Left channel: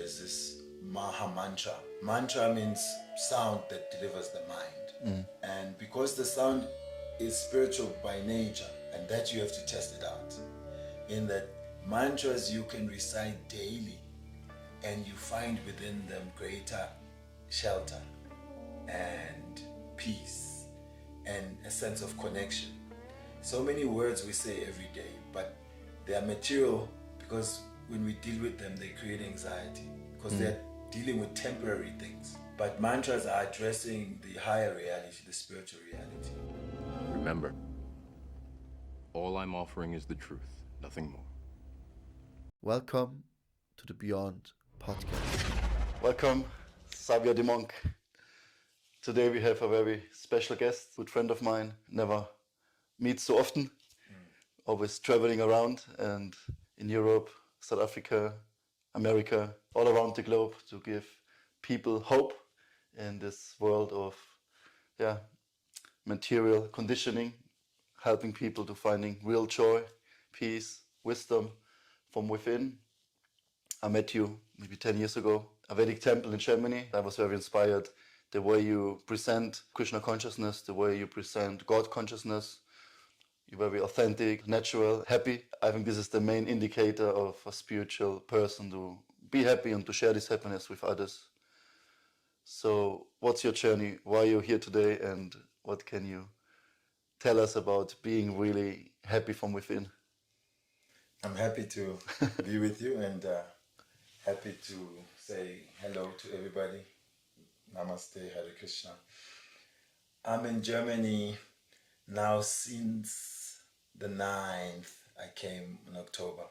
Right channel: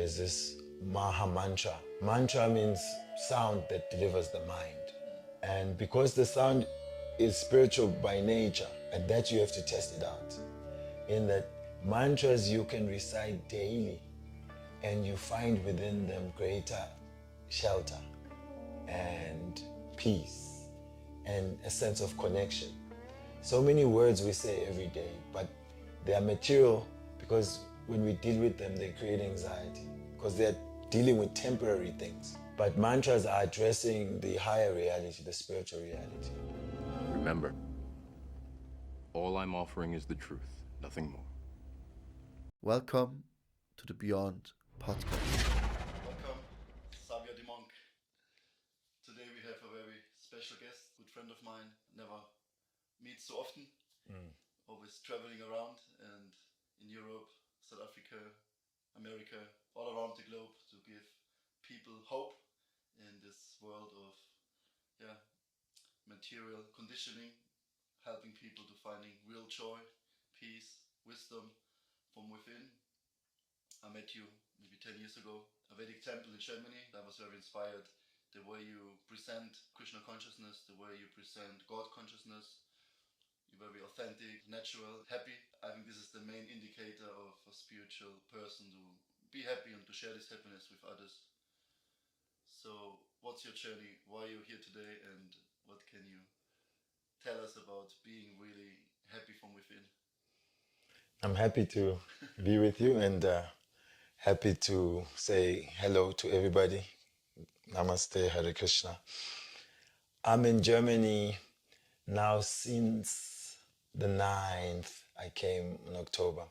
there's this Maha Mantra. Mantra means sound that delivers the mind. And because the sound is spiritual by nature, and that you have to test it out. In that mantras you can recite daily, and you find within them greater shelter and peace and a sense of connection. So many words we say every day, but they are material because when we deal with them, they create anxiety because they're dealing with temporary things. But mantras are addressing the higher reality, the spiritual reality. Remember, all I'm offering is the truth, nothing more. Welcome to the Beyond podcast. Welcome, Savya the Monk. Today we have a very special guest, good friend of mine, never meet so often, always traveling around and in Europe, South Africa, America, all around the globe to give people hope in this world of material conditioning, helping people to finding real joy, peace, wisdom from within. I met you maybe 10 years ago, a Vedic temple in Germany. I was very inspired the way you present Krishna consciousness, the way you present God consciousness. You're very authentic, natural, happy. I think this is the main indicator of a spiritual person, to be happy and to share this happiness with others. So what's your journey? Why are you here today? And what can you tell us about being really happy from within? I'm happy to be with you and happy to say hello to everybody. Namaste, Hare Krishna. I'm in Germany now since the 9th. I came in October.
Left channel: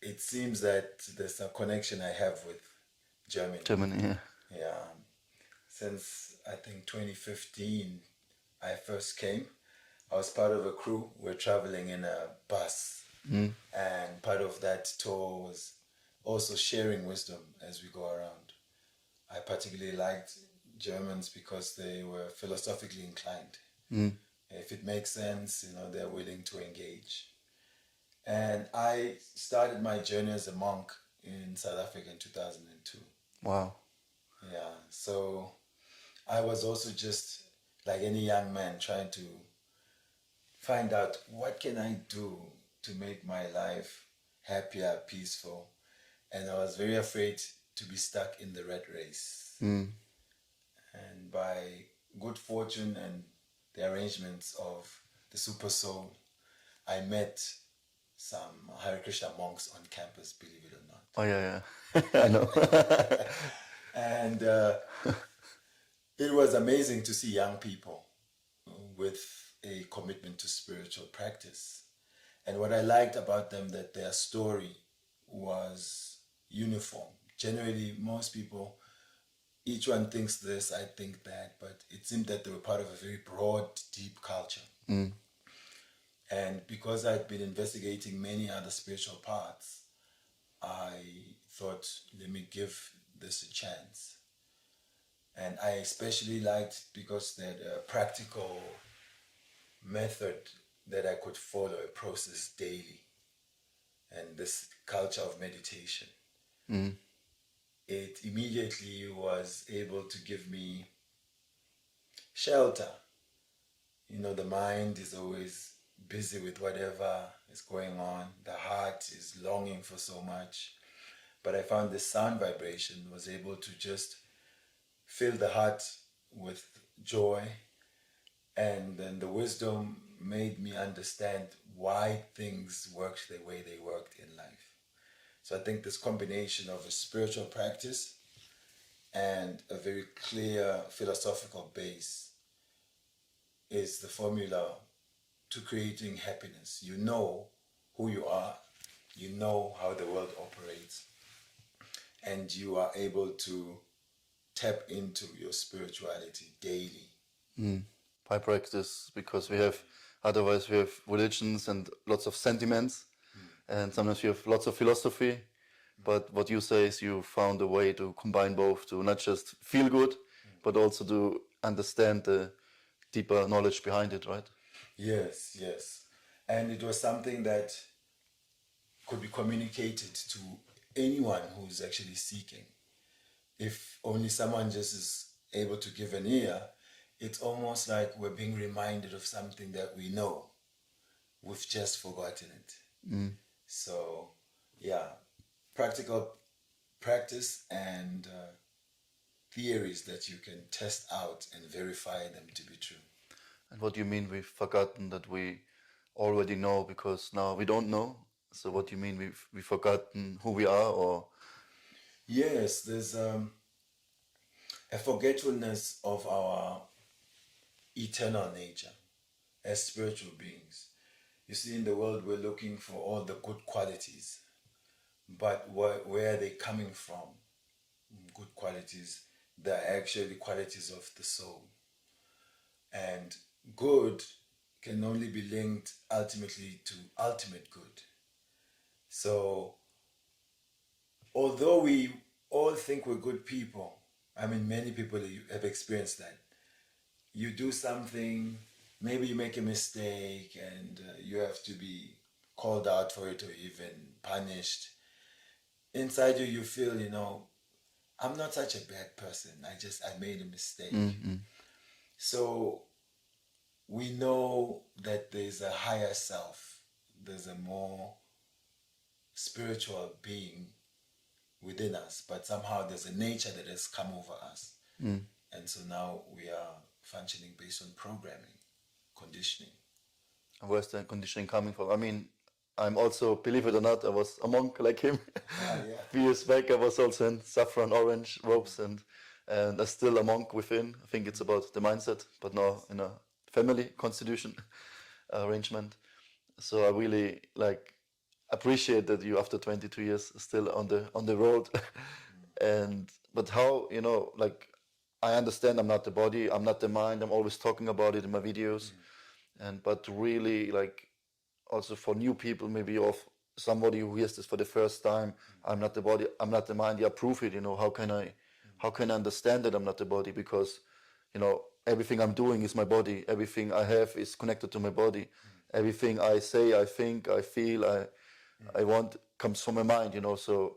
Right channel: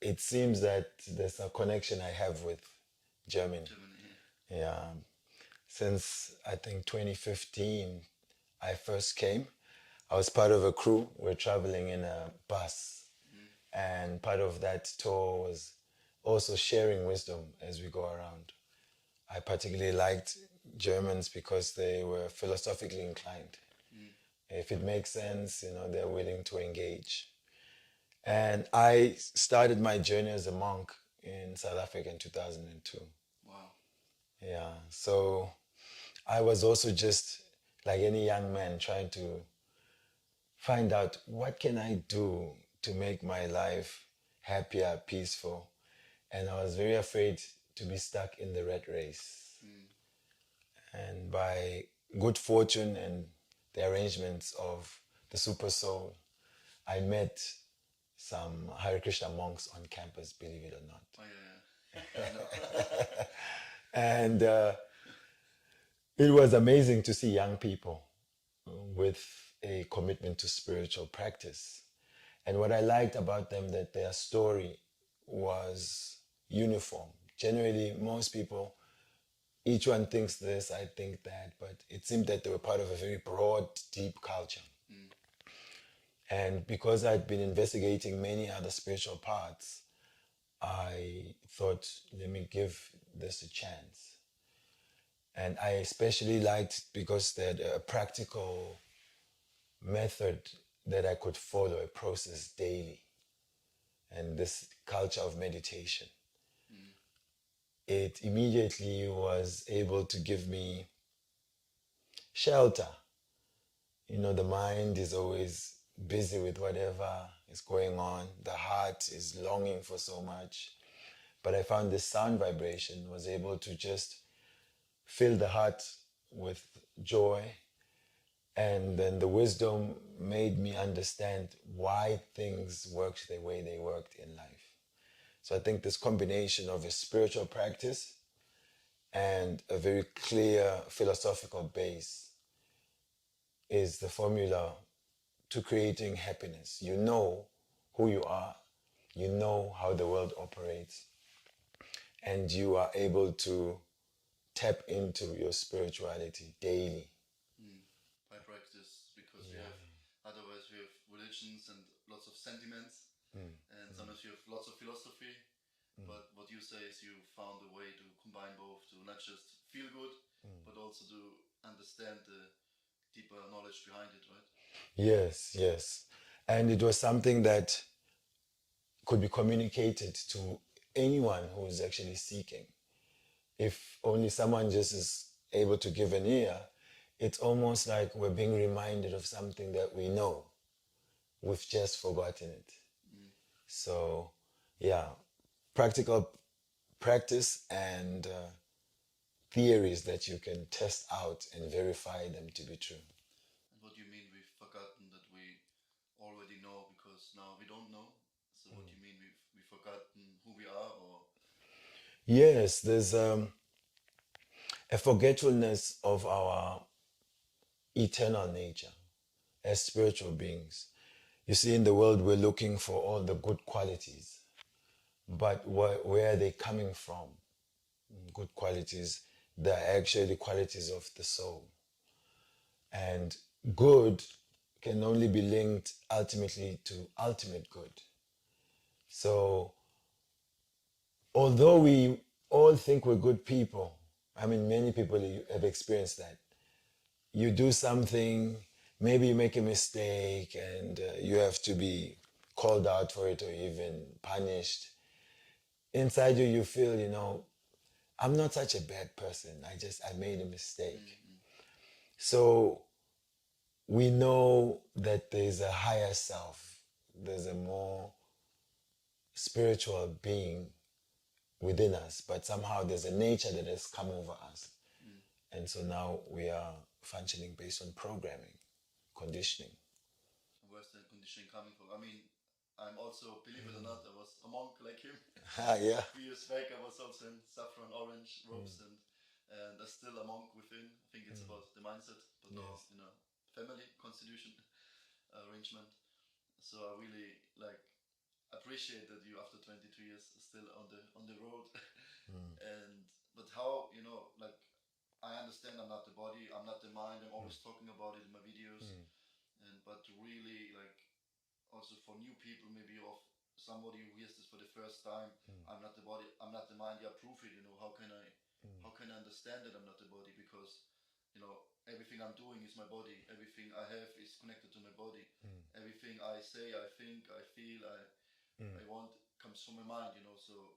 It seems that there's a connection I have with Germany. Yeah. Since I think 2015, I first came. I was part of a crew. We're traveling in a bus. And part of that tour was also sharing wisdom as we go around. I particularly liked Germans because they were philosophically inclined. If it makes sense, they're willing to engage. And I started my journey as a monk in South Africa in 2002. Wow. Yeah, so I was also just like any young man trying to find out what can I do to make my life happier, peaceful. And I was very afraid to be stuck in the rat race. And by good fortune and the arrangements of the Super Soul, I met some Hare Krishna monks on campus, believe it or not. Oh, yeah. I know. And it was amazing to see young people with a commitment to spiritual practice. And what I liked about them, that their story was uniform. Generally, most people, each one thinks this, I think that, but it seemed that they were part of a very broad, deep culture. And because I'd been investigating many other spiritual paths, I thought, let me give this a chance. And I especially liked because they had a practical method that I could follow, a process daily. And this culture of meditation. It immediately was able to give me shelter. The mind is always busy with whatever is going on. The heart is longing for so much. But I found this sound vibration was able to just fill the heart with joy. And then the wisdom made me understand why things worked the way they worked in life. So I think this combination of a spiritual practice and a very clear philosophical base is the formula to creating happiness. You know who you are, you know how the world operates, and you are able to tap into your spirituality daily. By practice, because otherwise we have religions and lots of sentiments, and sometimes you have lots of philosophy, but what you say is you found a way to combine both, to not just feel good, but also to understand the deeper knowledge behind it, right? Yes. And it was something that could be communicated to anyone who is actually seeking. If only someone just is able to give an ear, it's almost like we're being reminded of something that we know. We've just forgotten it. So, yeah, practical practice and theories that you can test out and verify them to be true. And what do you mean we've forgotten that we already know because now we don't know? So what do you mean we've forgotten who we are, or? Yes, there's a forgetfulness of our eternal nature as spiritual beings. You see, in the world, we're looking for all the good qualities, but where are they coming from? Good qualities, they're actually qualities of the soul. And good can only be linked ultimately to ultimate good. So, although we all think we're good people, I mean, many people have experienced that. You do something, maybe you make a mistake, and you have to be called out for it or even punished. Inside you, you feel, I'm not such a bad person. I made a mistake. So we know that there's a higher self, there's a more spiritual being within us, but somehow there's a nature that has come over us. And so now we are functioning based on programming, conditioning. And where's the conditioning coming from? I mean, I'm also, believe it or not, I was a monk like him. Yeah. A few years back, I was also in saffron orange robes, and I'm still a monk within. I think it's about the mindset, but now in a family constitution arrangement. So I really appreciate that you, after 22 years, still on the road. And but how, I understand I'm not the body, I'm not the mind. I'm always talking about it in my videos, but really, also for new people, maybe, of somebody who hears this for the first time, I'm not the body, I'm not the mind. Yeah, prove it. How can I understand that I'm not the body? Because everything I'm doing is my body. Everything I have is connected to my body. Everything I say, I think, I feel, I want comes from my mind. So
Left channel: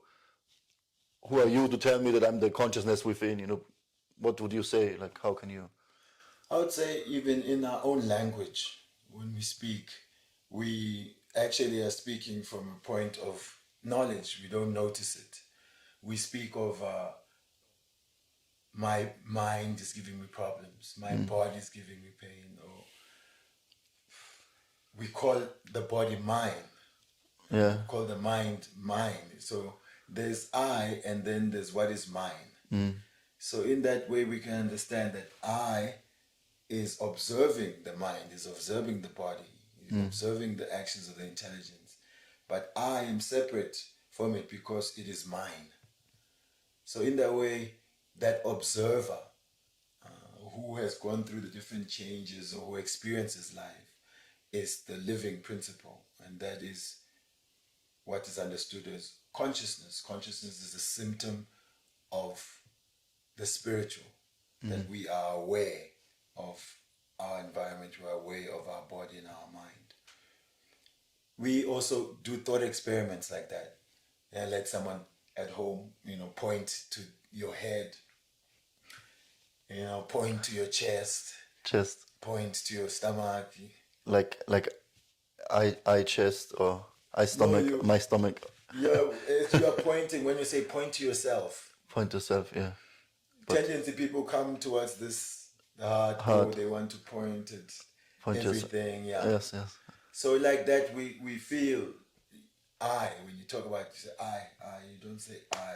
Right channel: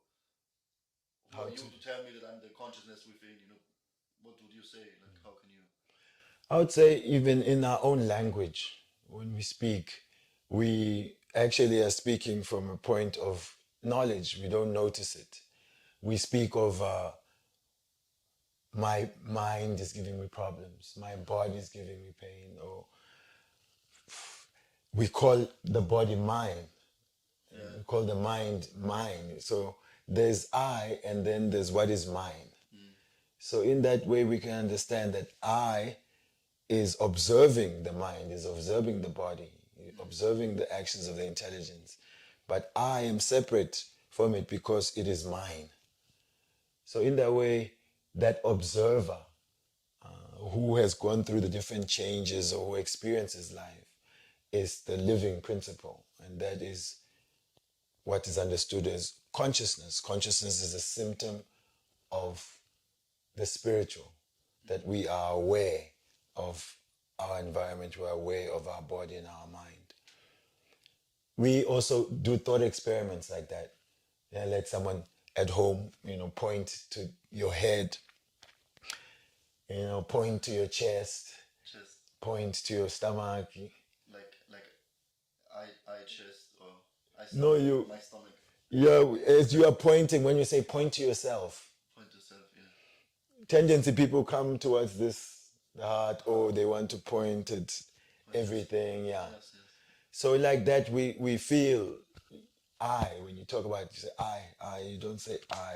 who are you to tell me that I'm the consciousness within? What would you say? How can you? I would say even in our own language, when we speak, we actually are speaking from a point of knowledge. We don't notice it. We speak of my mind is giving me problems, my body is giving me pain, or we call the body mine. Yeah. We call the mind mine. So there's I, and then there's what is mine. So in that way, we can understand that I is observing the mind, is observing the body, is observing the actions of the intelligence. But I am separate from it because it is mine. So in that way, that observer who has gone through the different changes or who experiences life is the living principle. And that is what is understood as consciousness. Consciousness is a symptom of the spiritual, that we are aware of our environment, we're aware of our body and our mind. We also do thought experiments like that. Yeah, let someone at home, point to your head, point to your chest, Chest, point to your stomach. like I chest, or I stomach, my stomach. As you are pointing, when you say point to yourself, Point to self, yeah. tendency people come towards this heart. Oh, they want to point at Point to yourself. everything. Yeah. Yes. So like that, we feel I. When you talk about it, you say I. You don't say I.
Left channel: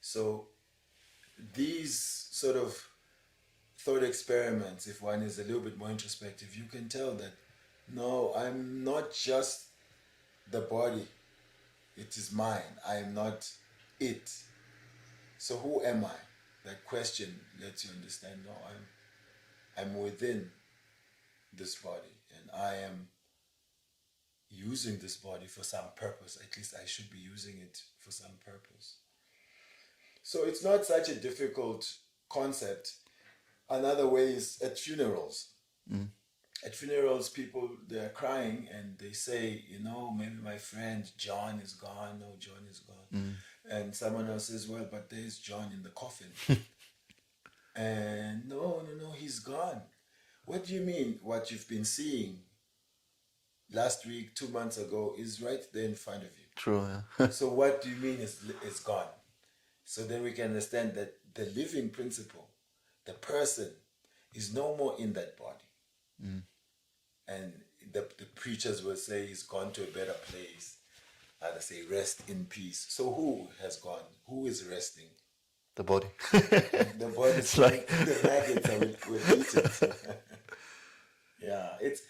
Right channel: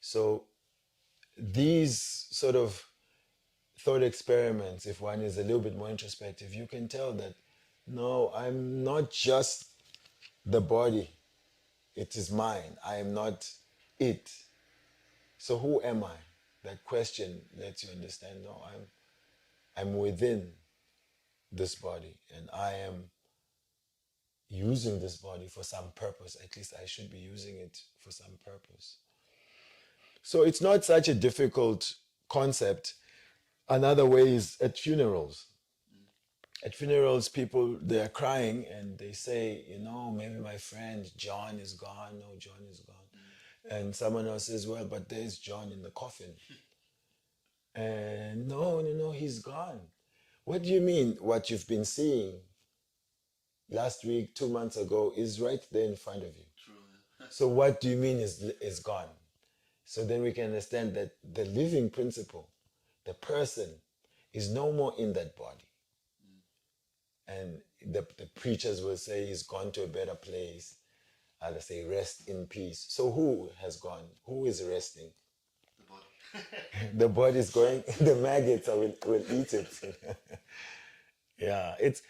So these sort of thought experiments, if one is a little bit more introspective, you can tell that no, I'm not just the body. It is mine. I am not it. So who am I? That question lets you understand, no, I'm within this body, and I am using this body for some purpose. At least I should be using it for some purpose. So it's not such a difficult concept. Another way is at funerals. at funerals, people, they're crying and they say, you know, maybe my friend John is gone. No, John is gone. And someone else says, well, but there's John in the coffin. And no, he's gone. What do you mean what you've been seeing last week, 2 months ago, is right there in front of you? True, yeah. So what do you mean is gone? So then we can understand that the living principle, the person, is no more in that body. And the preachers will say he's gone to a better place. Others say rest in peace. So who has gone? Who is resting? The body. The body is going, the maggots will eat it. Yeah, it's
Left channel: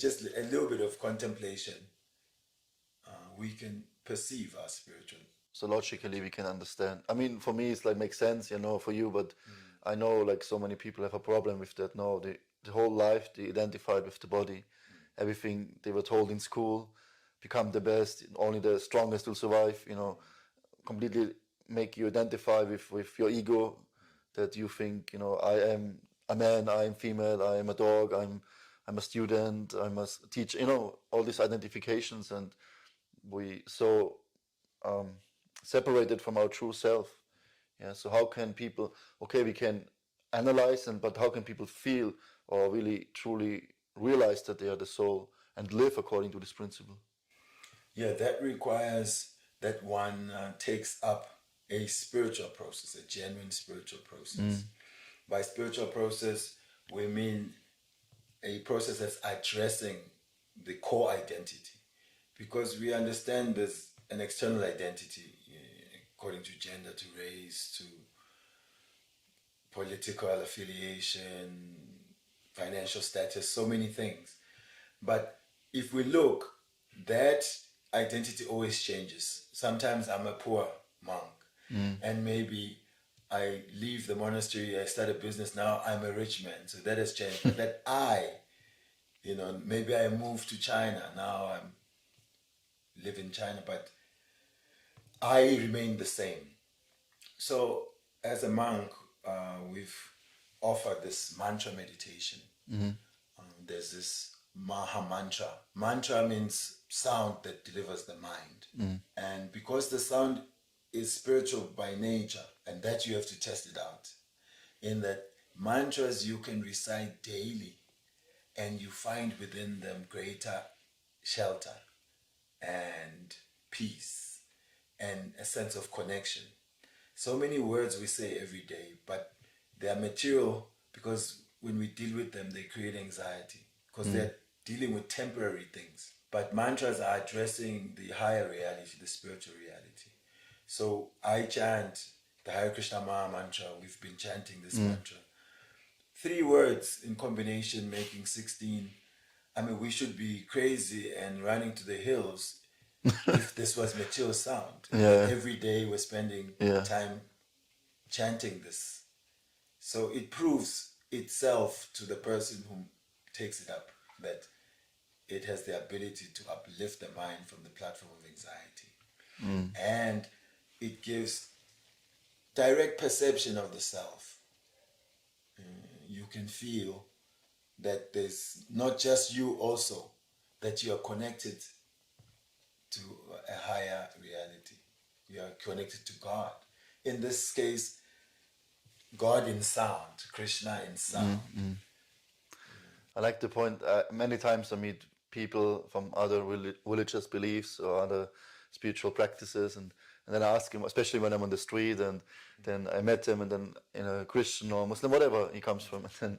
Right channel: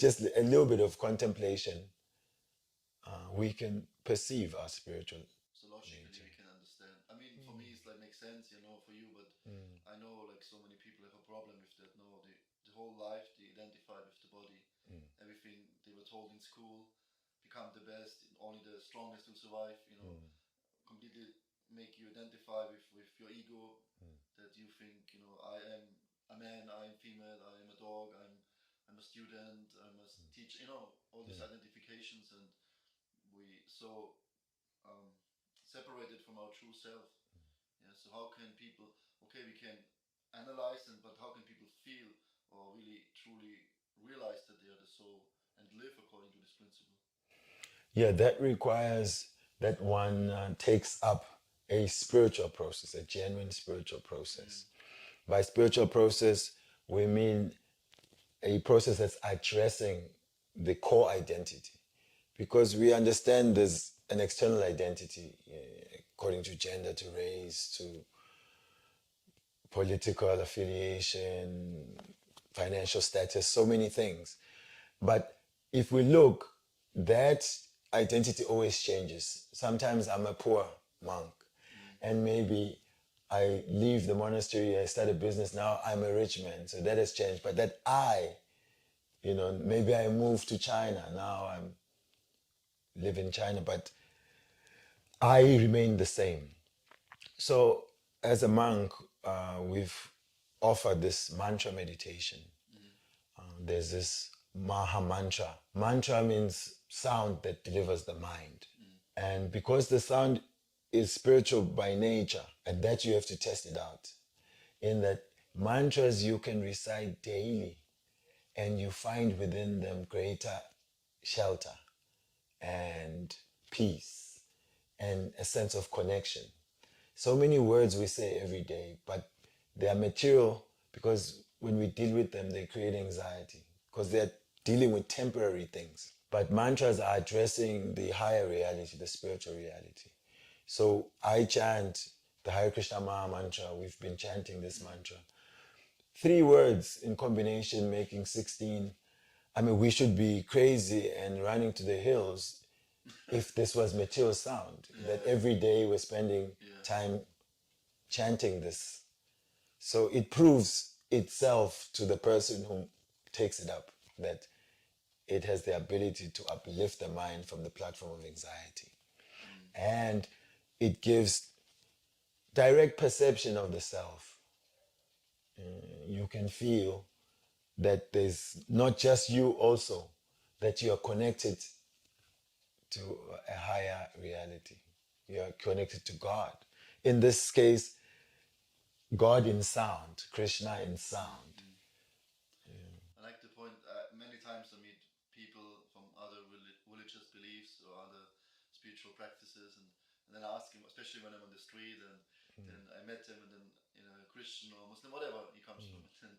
just a little bit of contemplation. We can perceive our spiritual. So logically we can understand. I mean, for me it's like makes sense, you know, for you, but I know like so many people have a problem with that. No, the whole life they identified with the body. Everything they were told in school, become the best, only the strongest will survive, you know, completely make you identify with your ego, that you think, you know, I am a man, I am female, I am a dog, I'm a student, I must teach, you know, all these identifications, and we so separated from our true self. Yeah. So how can people? Okay, we can analyze, but how can people feel or really truly realize that they are the soul and live according to this principle? Yeah, that requires that one takes up a spiritual process, a genuine spiritual process. By spiritual process, we mean a process that's addressing the core identity. Because we understand there's an external identity according to gender, to race, to political affiliation, financial status, so many things. But if we look, that identity always changes. Sometimes I'm a poor monk, and maybe I leave the monastery, I start a business, now I'm a rich man. So that has changed. But that maybe I moved to China, now I'm live in China, but I remain the same. So as a monk, we've offered this mantra meditation. There's this Maha Mantra. Mantra means sound that delivers the mind. And because the sound is spiritual by nature, and that you have to test it out, in that mantras you can recite daily, and you find within them greater shelter and peace and a sense of connection. So many words we say every day, but they are material because when we deal with them, they create anxiety because they're dealing with temporary things. But mantras are addressing the higher reality, the spiritual reality. So I chant the Hare Krishna Maha Mantra. We've been chanting this mantra. 3 words in combination making 16. I mean, we should be crazy and running to the hills if this was material sound. Yeah. Every day we're spending time chanting this. So it proves itself to the person who takes it up that it has the ability to uplift the mind from the platform of anxiety. And it gives direct perception of the self. You can feel that there's not just you also, that you are connected to a higher reality. You are connected to God. In this case, God in sound, Krishna in sound. I like the point. Many times I meet people from other religious beliefs or other spiritual practices, and then I ask him, especially when I'm on the street, and then I met him, and then in a Christian or Muslim, whatever he comes from, and then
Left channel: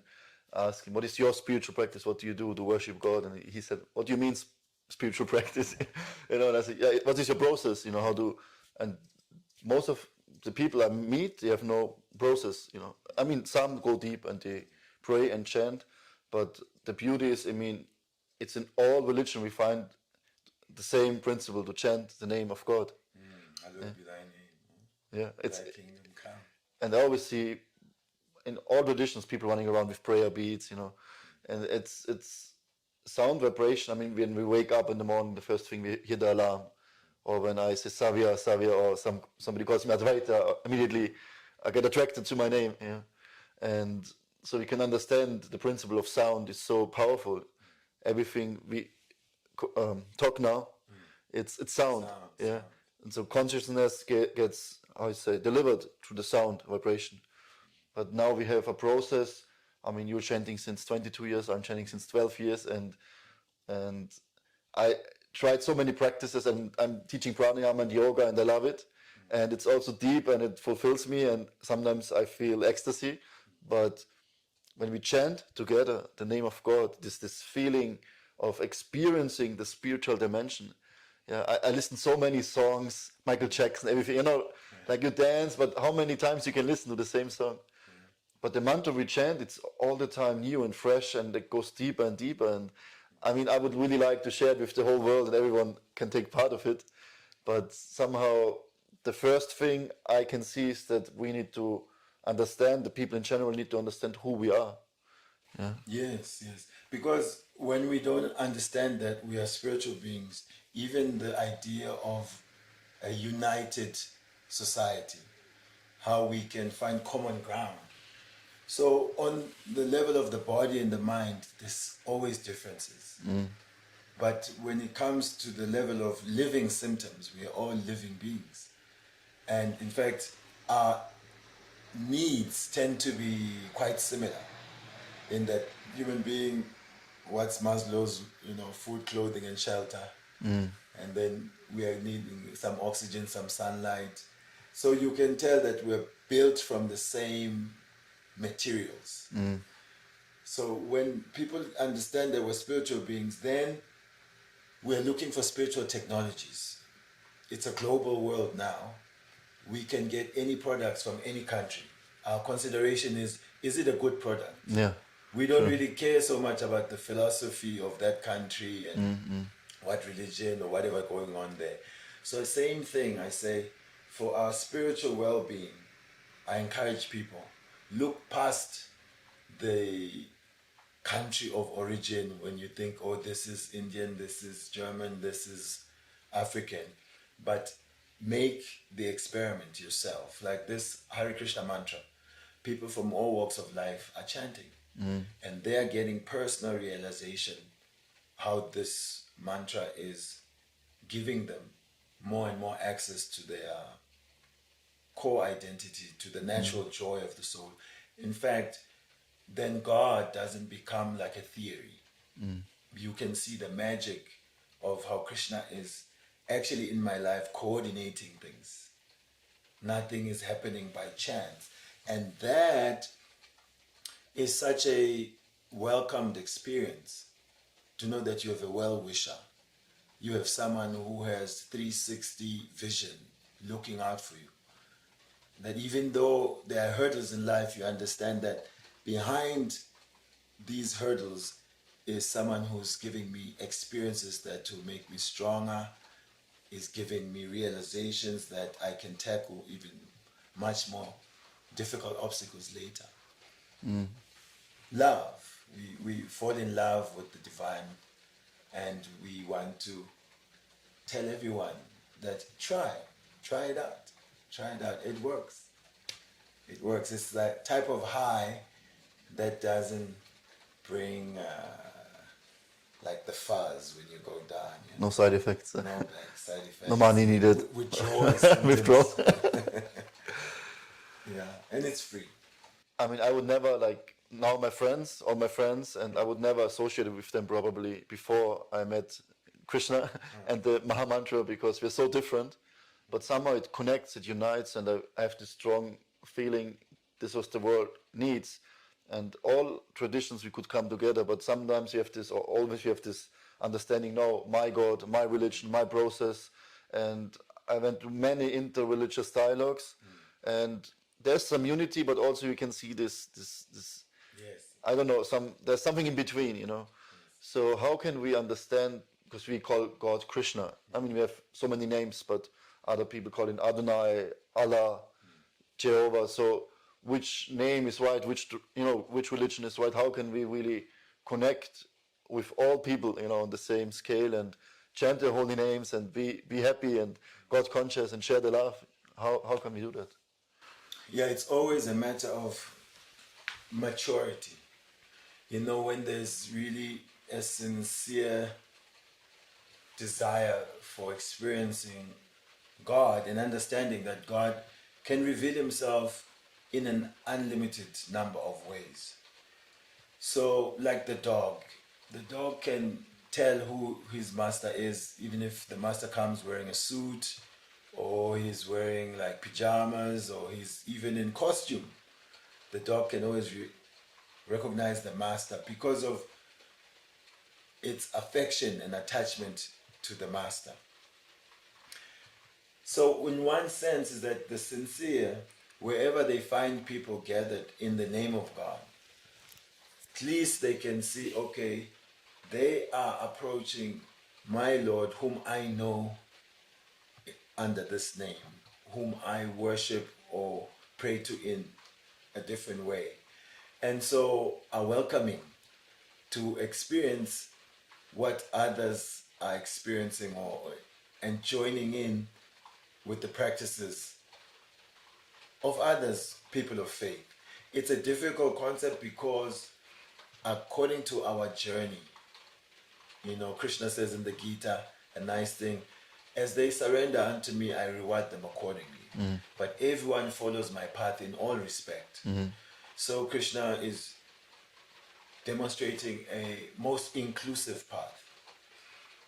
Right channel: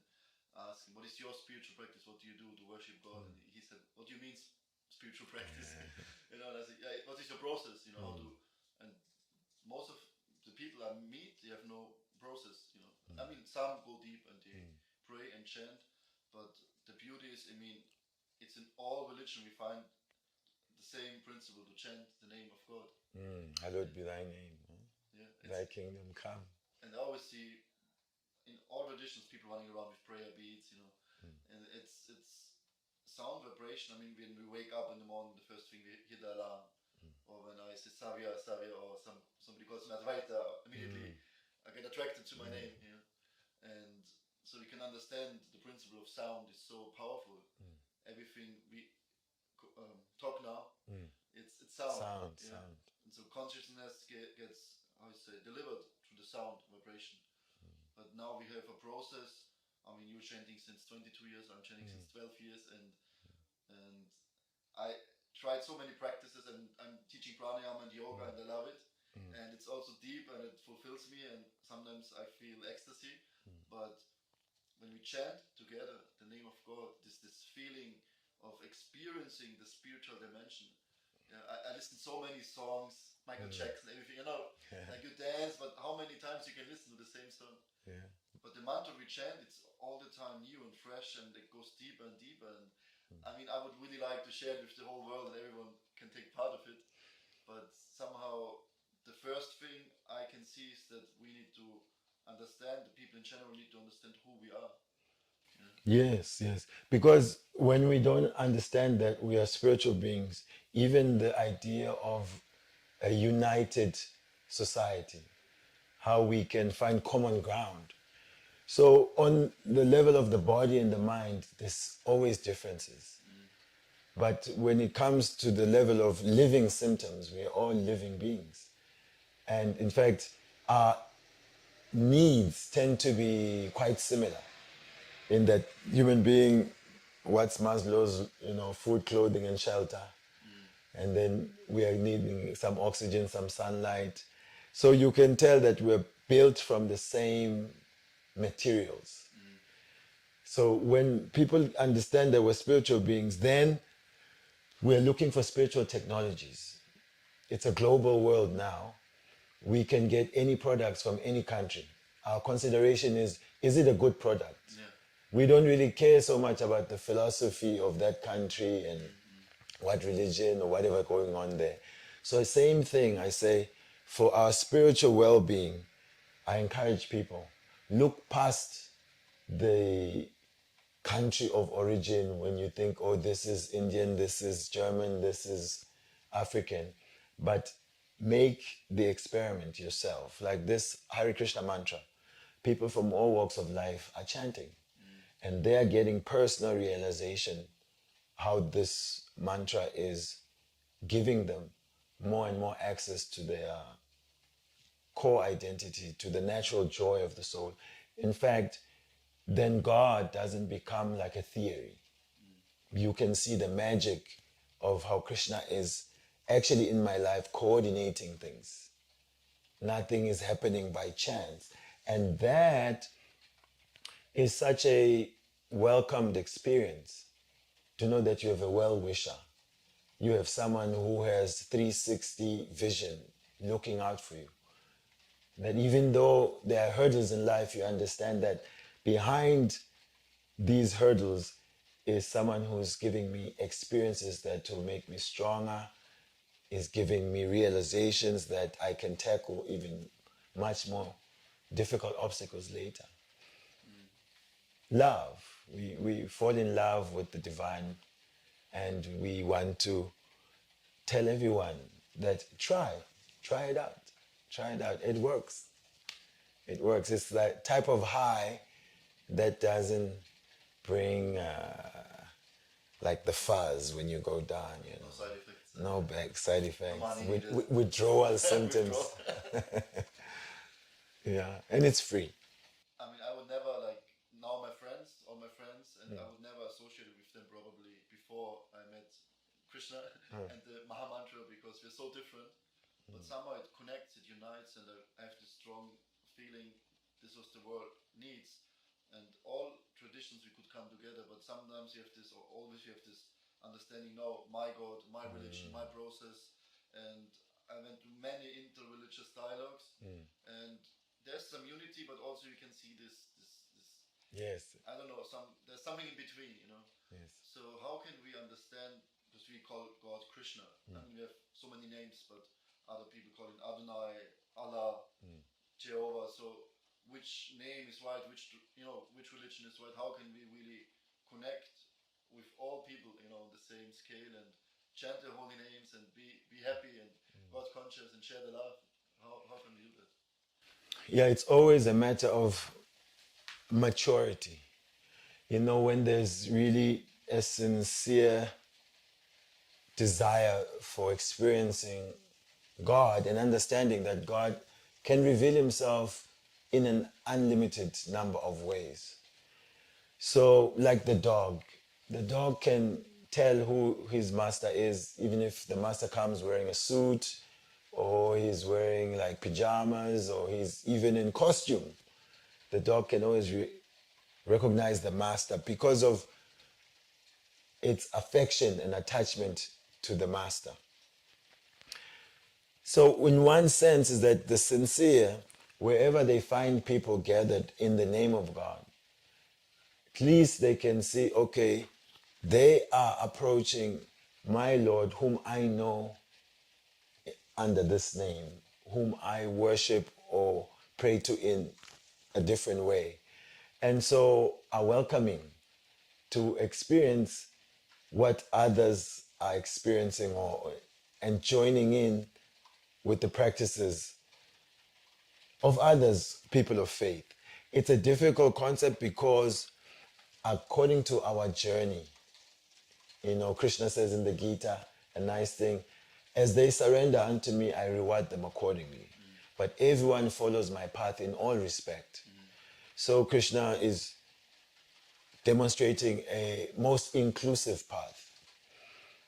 I ask him, what is your spiritual practice? What do you do to worship God? And he said, what do you mean spiritual practice? And I said, yeah, what is your process? How do, and most of the people I meet, they have no process, I mean, some go deep and they pray and chant, but the beauty is, it's in all religion we find the same principle to chant the name of God. Hallowed be thy name. Yeah, it's Thy kingdom come. And I always see in all traditions people running around with prayer beads, and it's sound vibration. I mean, when we wake up in the morning, the first thing we hear the alarm, or when I say Savya, or somebody calls me Advaita, immediately I get attracted to my name. And so we can understand the principle of sound is so powerful. Everything we talk now, it's sound. Yeah. Sound. And so consciousness gets, how I say, delivered through the sound vibration. But now we have a process. I mean, you're chanting since 22 years. I'm chanting since 12 years, and I tried so many practices, and I'm teaching pranayama and yoga, and I love it. And it's also deep, and it fulfills me. And sometimes I feel ecstasy. But when we chant together the name of God, this feeling of experiencing the spiritual dimension. Yeah, I listen so many songs, Michael Jackson, everything. You know, like you dance, but how many times you can listen to the same song? But the mantra we chant, it's all the time new and fresh, and it goes deeper and deeper. And I mean, I would really like to share it with the whole world, and everyone can take part of it. But somehow, the first thing I can see is that we need to understand, the people in general need to understand who we are. Yes, yes. Because when we don't understand that we are spiritual beings, even the idea of a united society, how we can find common ground. So on the level of the body and the mind, there's always differences. But when it comes to the level of living symptoms, we're all living beings. And in fact, our needs tend to be quite similar in that human being, what's Maslow's, food, clothing, and shelter. And then we are needing some oxygen, some sunlight. So you can tell that we're built from the same materials. So when people understand that we're spiritual beings, then we're looking for spiritual technologies. It's a global world now. We can get any products from any country. Our consideration is it a good product? Yeah. We don't really care so much about the philosophy of that country and what religion or whatever going on there. So same thing, I say, for our spiritual well-being, I encourage people, look past the country of origin when you think, oh, this is Indian, this is German, this is African, but make the experiment yourself. Like this Hare Krishna mantra, people from all walks of life are chanting, and they're getting personal realization how this mantra is giving them more and more access to their core identity, to the natural joy of the soul. In fact, then God doesn't become like a theory. You can see the magic of how Krishna is actually in my life coordinating things. Nothing is happening by chance. And that is such a welcomed experience to know that you have a well-wisher. You have someone who has 360 vision looking out for you. That even though there are hurdles in life, you understand that behind these hurdles is someone who's giving me experiences that will make me stronger, is giving me realizations that I can tackle even much more difficult obstacles later. Love. We fall in love with the divine, and we want to tell everyone that try it out. Try it out. It works. It works. It's that type of high that doesn't bring like the fuzz when you go down. No side effects. No back side effects. No money needed. Withdrawal symptoms. Withdrawal. Yeah, and it's free. I mean, I would never, like, now all my friends, and I would never associate with them probably before I met Krishna and the Maha Mantra, because we're so different. But somehow it connects, it unites, and I have this strong feeling this was the world needs. And all traditions we could come together, but sometimes you have this, or always you have this understanding, no, my God, my religion, my process. And I went to many inter-religious dialogues, and there's some unity, but also you can see this Yes. I don't know, there's something in between, you know. Yes. So how can we understand, because we call God Krishna. I mean, we have so many names, but other people call him Adonai, Allah, Jehovah. So which name is right? Which religion is right? How can we really connect with all people, on the same scale, and chant their holy names and be happy and God conscious and share the love? How can we do that? Yeah, it's always a matter of maturity. You know, when there's really a sincere desire for experiencing God and understanding that God can reveal himself in an unlimited number of ways. So, like the dog can tell who his master is, even if the master comes wearing a suit, or he's wearing like pajamas, or he's even in costume. The dog can always recognize the master because of its affection and attachment to the master. So, in one sense, is that the sincere, wherever they find people gathered in the name of God, at least they can see, okay, they are approaching my Lord, whom I know under this name, whom I worship or pray to in a different way. And so are welcoming to experience what others are experiencing, and joining in with the practices of others, people of faith. It's a difficult concept because according to our journey, you know, Krishna says in the Gita, a nice thing, as they surrender unto me, I reward them accordingly. But everyone follows my path in all respect. So Krishna is demonstrating a most inclusive path.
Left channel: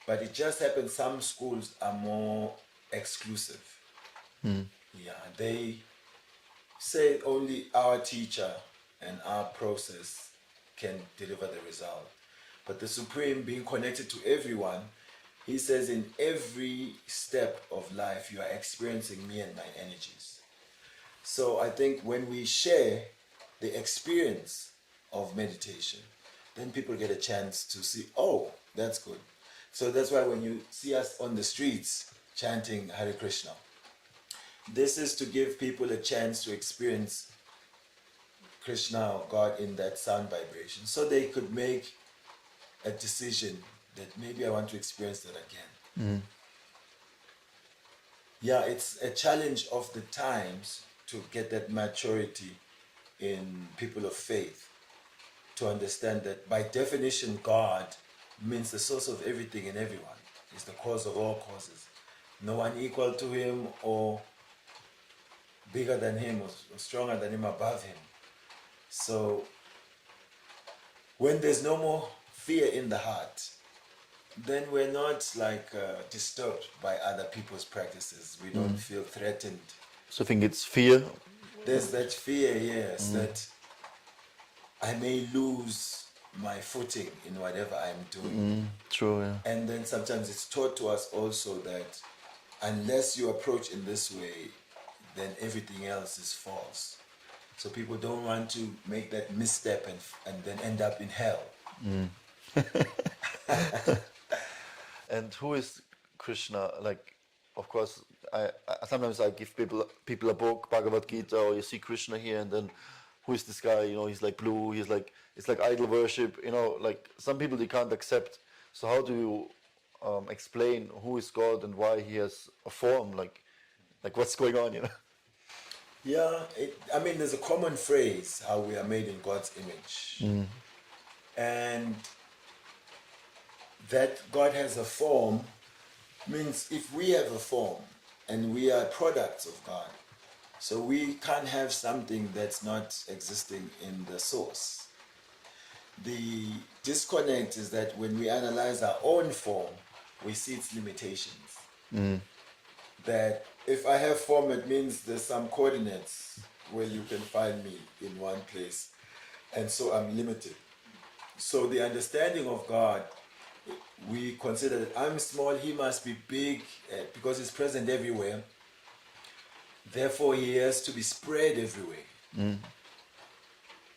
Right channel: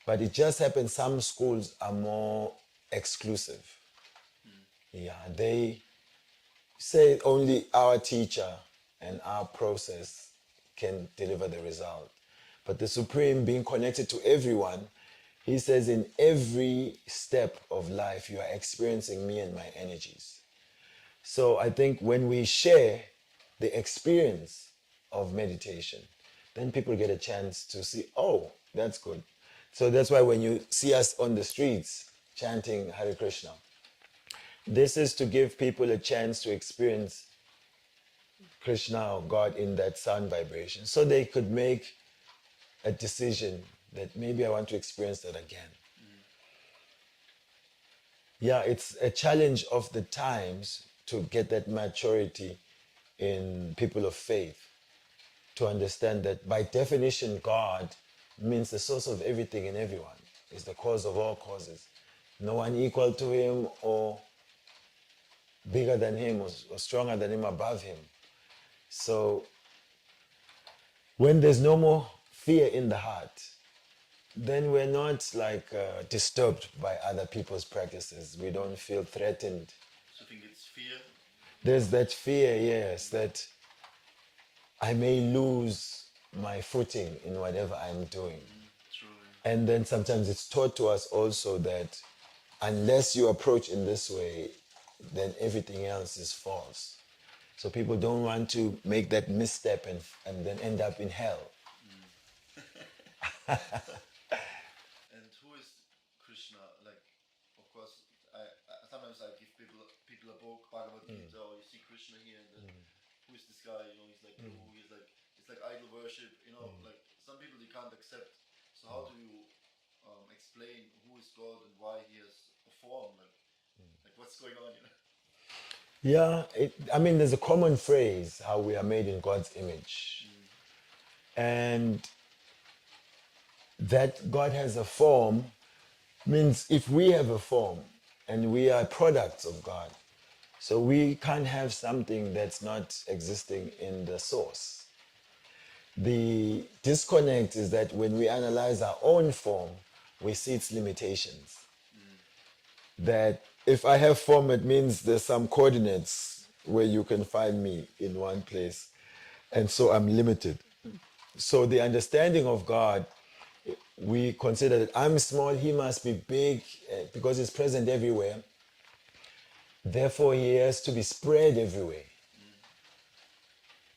But it just happens some schools are more exclusive. Yeah, they say only our teacher and our process can deliver the result. But the Supreme, being connected to everyone, he says in every step of life, you are experiencing me and my energies. So I think when we share the experience of meditation, then people get a chance to see, oh, that's good. So that's why when you see us on the streets chanting Hare Krishna, this is to give people a chance to experience Krishna or God in that sound vibration, so they could make a decision that maybe I want to experience that again. Yeah, it's a challenge of the times to get that maturity in people of faith, to understand that by definition, God means the source of everything and everyone, is the cause of all causes. No one equal to him or bigger than him or stronger than him, above him. So when there's no more fear in the heart, then we're not like disturbed by other people's practices. We don't feel threatened. So I think it's fear. There's that fear, yes, that I may lose my footing in whatever I'm doing. True, yeah. And then sometimes it's taught to us also that unless you approach in this way, then everything else is false. So people don't want to make that misstep and then end up in hell. And who is Krishna? Like, of course, I sometimes I give people a book, Bhagavad Gita, or you see Krishna here, and then who is this guy? You know, he's like blue. He's like, it's like idol worship. You know, like some people they can't accept. So how do you explain who is God and why he has a form? Like what's going on? You know. Yeah, I mean, there's a common phrase, how we are made in God's image. And that God has a form means if we have a form and we are products of God, so we can't have something that's not existing in the source. The disconnect is that when we analyze our own form, we see its limitations. That if I have form, it means there's some coordinates where you can find me in one place. And so I'm limited. So the understanding of God, we consider that I'm small, he must be big, because he's present everywhere. Therefore, he has to be spread everywhere. But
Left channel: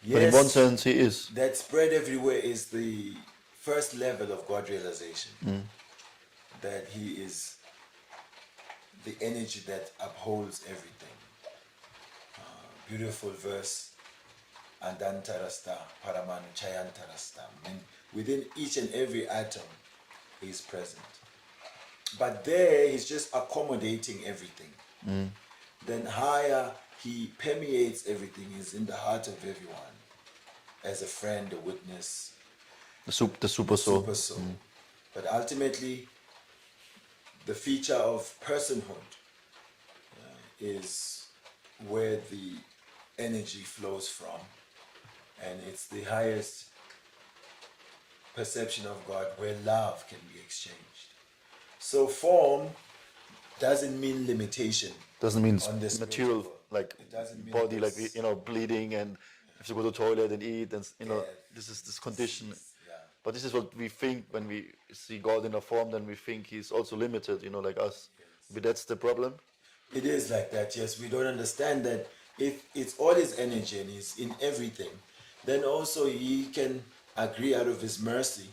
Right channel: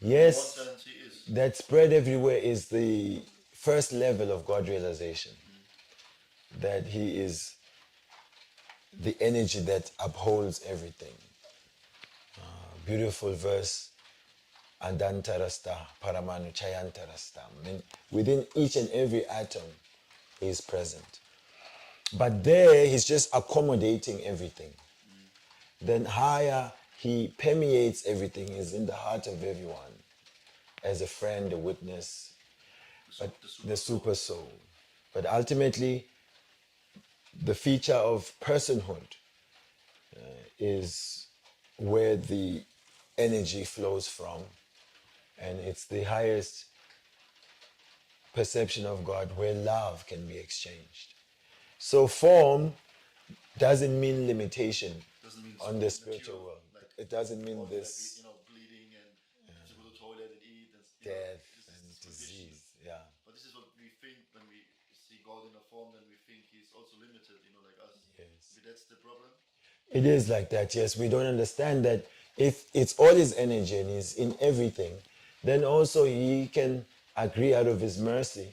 Yes, in one sense, he is. that spread everywhere is the first level of God realization. That he is the energy that upholds everything. Beautiful verse, Adantarasta, Paramanu Chayantarasta. Within each and every atom, he is present. But there, he's just accommodating everything. Then higher, he permeates everything, he's in the heart of everyone. as a friend, a witness, The super the soul. super soul. But ultimately, the feature of personhood is where the energy flows from, and it's the highest perception of God where love can be exchanged. So form doesn't mean limitation. Doesn't mean on the spiritual material, world. like It doesn't mean body, like this bleeding and have to go to the toilet and eat, and death, this is this condition. disease, yeah. But this is what we think when we see God in a form. Then we think He's also limited, like us. But that's the problem. It is like that, yes. We don't understand that if it's all his energy and he's in everything, then also he can agree out of his mercy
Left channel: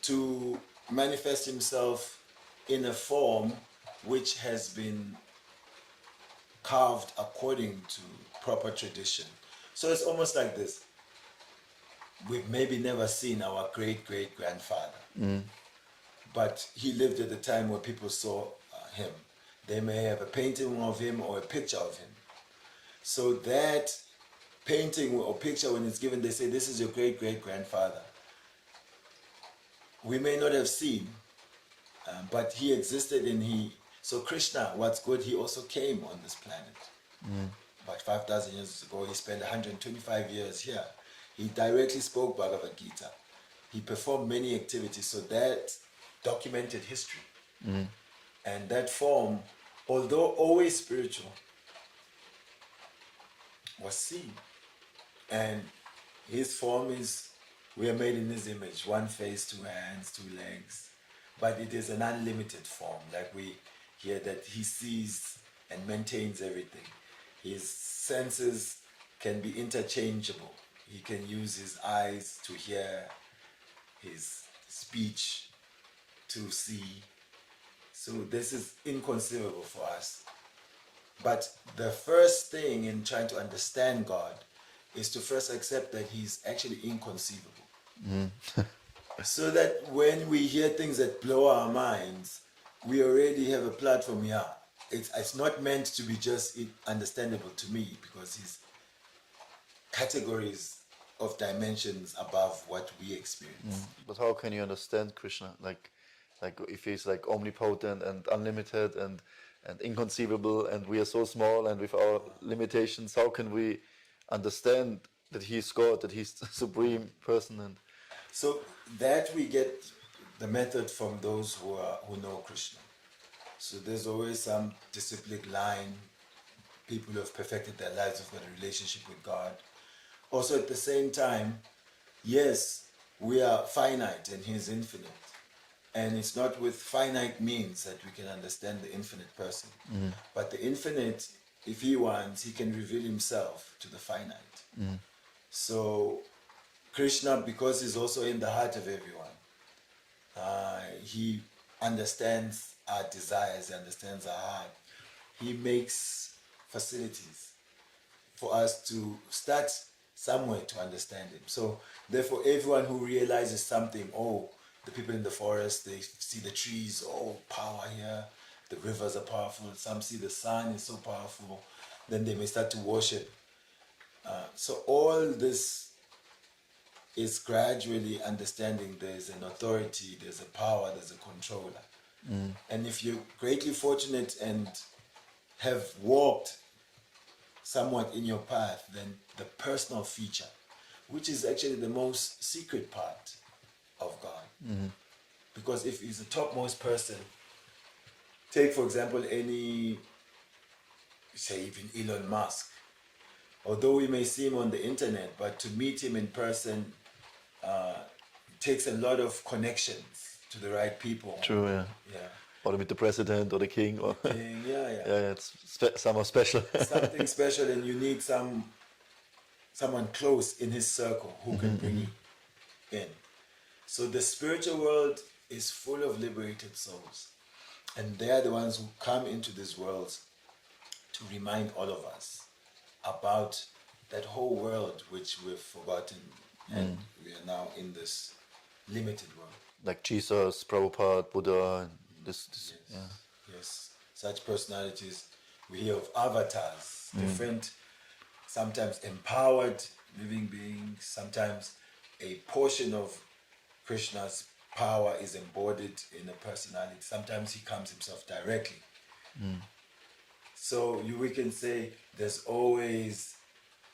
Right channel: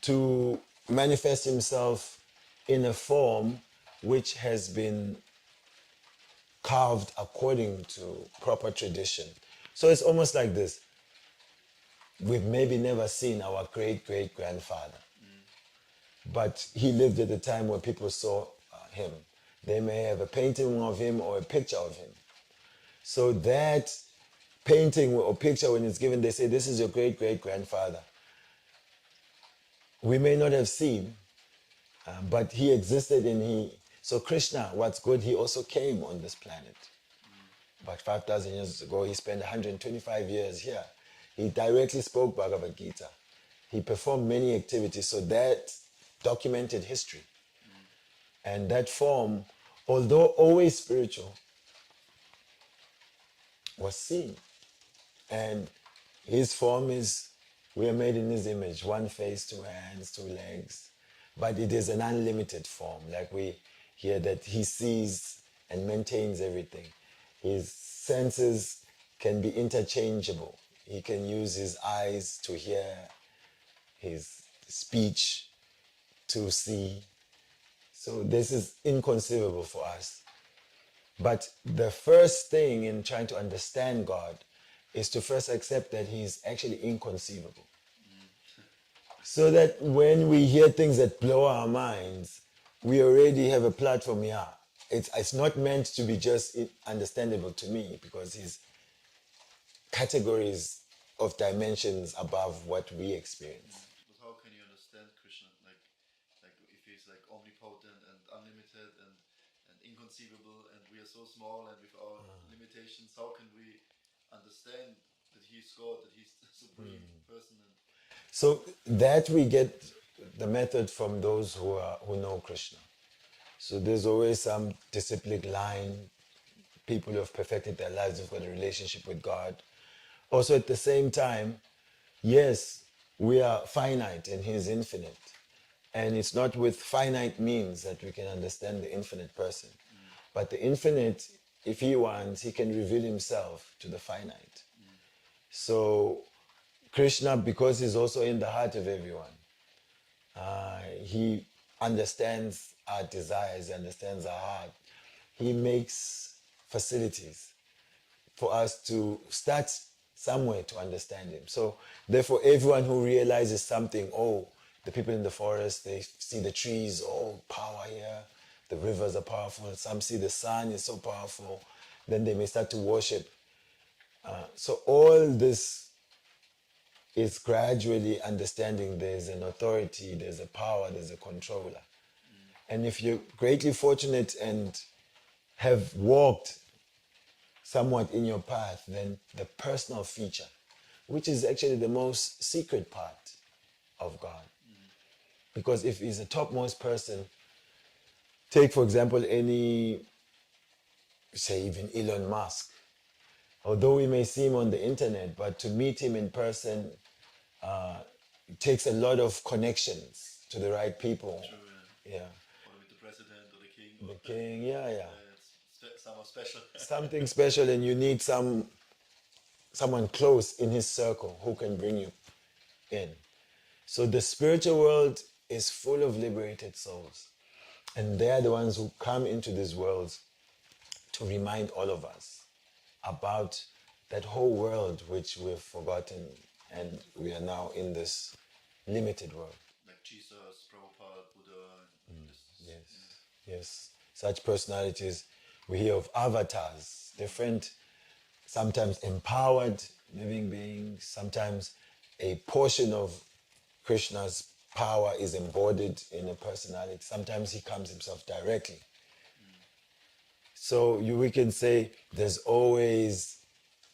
to manifest himself in a form which has been carved according to proper tradition. So it's almost like this. We've maybe never seen our great-great-grandfather, but he lived at a time where people saw him. They may have a painting of him or a picture of him. So that painting or picture, when it's given, they say, this is your great-great-grandfather. We may not have seen, but he existed and so Krishna, what's good, he also came on this planet. About 5,000 years ago, he spent 125 years here. He directly spoke Bhagavad Gita. He performed many activities, so that documented history. And that form, although always spiritual, was seen. And his form is, we are made in his image, one face, two hands, two legs. But it is an unlimited form, like we hear that he sees and maintains everything. His senses can be interchangeable. He can use his eyes to hear, his speech to see. So this is inconceivable for us. But the first thing in trying to understand God is to first accept that he's actually inconceivable. So that when we hear things that blow our minds, we already have a platform here. It's not meant to be just understandable to me, because his categories of dimensions above what we experience. But how can you understand Krishna? Like if He's like omnipotent and unlimited and inconceivable, and we are so small and with our limitations, how can we understand that He's God, that He's the supreme person? And So that we get the method from those who know Krishna. So there's always some disciplic line, people who have perfected their lives, who've got a relationship with God. Also at the same time, yes, we are finite and he is infinite. And it's not with finite means that we can understand the infinite person. But the infinite, if he wants, he can reveal himself to the finite. So Krishna, because he's also in the heart of everyone, he understands our desires, he understands our heart. He makes facilities for us to start somewhere to understand him. So therefore, everyone who realizes something, the people in the forest, they see the trees, power here, the rivers are powerful, some see the sun is so powerful, then they may start to worship. So all this is gradually understanding there's an authority, there's a power, there's a controller. And if you're greatly fortunate and have walked somewhat in your path, then the personal feature, which is actually the most secret part of God. Because if he's the topmost person, take for example any, say even Elon Musk, although we may see him on the internet, but to meet him in person takes a lot of connections to the right people. true, yeah. Yeah. Or with the president or the king, or Yeah. yeah, it's somehow special. Something special, and you need someone close in his circle who can bring you in. So the spiritual world is full of liberated souls, and they're the ones who come into these worlds to remind all of us about that whole world which we've forgotten, and we are now in this limited world. Like Jesus, Prabhupada, Buddha, this Yes, such personalities. We hear of avatars, different sometimes empowered living beings, sometimes a portion of Krishna's power is embodied in a personality. Sometimes he comes himself directly. So we can say there's always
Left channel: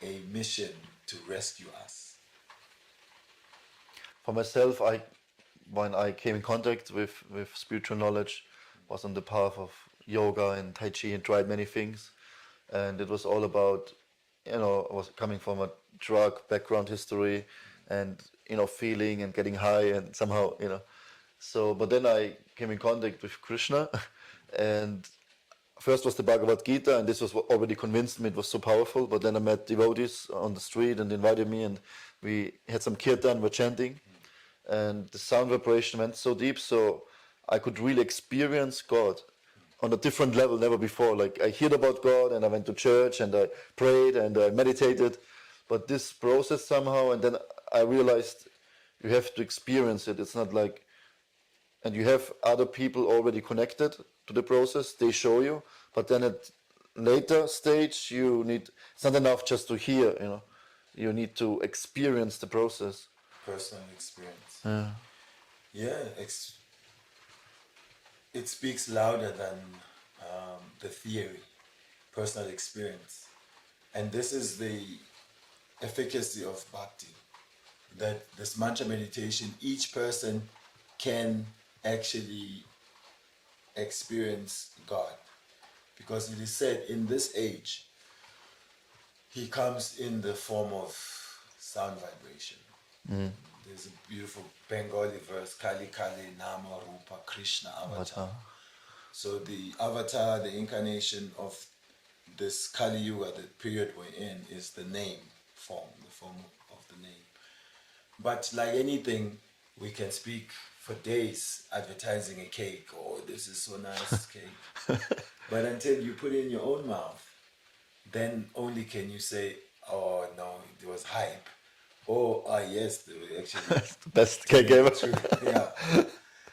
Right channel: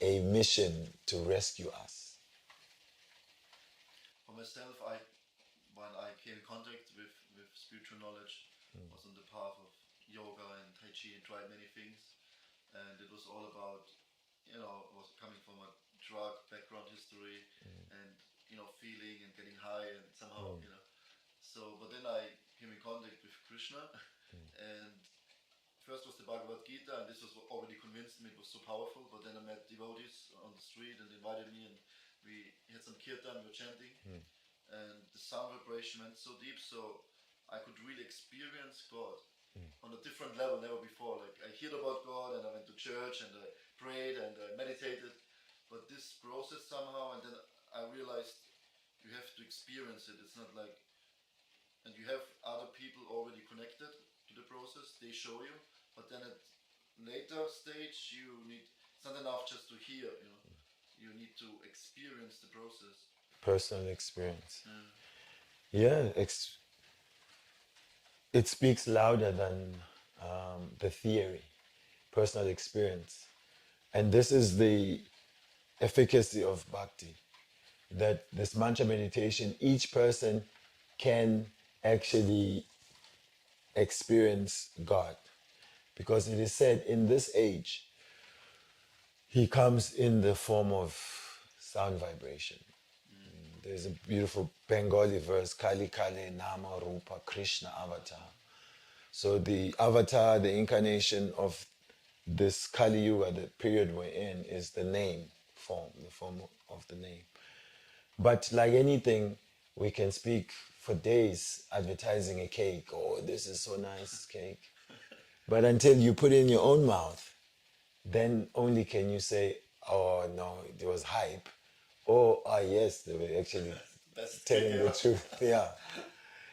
a mission to rescue us. For myself, when I came in contact with spiritual knowledge, was on the path of yoga and Tai Chi and tried many things. And it was all about, I was coming from a drug background history and, feeling and getting high and somehow, So, but then I came in contact with Krishna and first was the Bhagavad Gita, and this was what already convinced me it was so powerful. But then I met devotees on the street and invited me, and we had some kirtan, we're chanting, and the sound vibration went so deep, so I could really experience God on a different level, never before. Like I heard about God, and I went to church, and I prayed, and I meditated, but this process somehow, and then I realized you have to experience it. It's not like, and you have other people already connected to the process, they show you, but then at later stage it's not enough just to hear, you need to experience the process. Personal experience. Yeah, it speaks louder than the theory, personal experience. And this is the efficacy of bhakti, that this mantra meditation, each person can actually experience God. Because it is said in this age, he comes in the form of sound vibration. There's a beautiful Bengali verse, Kali Kali Nama Rupa Krishna Avatar. So the avatar, the incarnation of this Kali Yuga, the period we're in, is the name form, the form of the name. But like anything, we can speak for days advertising a cake. Oh, this is so nice cake. But until you put it in your own mouth, then only can you say, oh no, it was hype. Or, oh yes, they were actually The best telling cake the ever. truth. Yeah.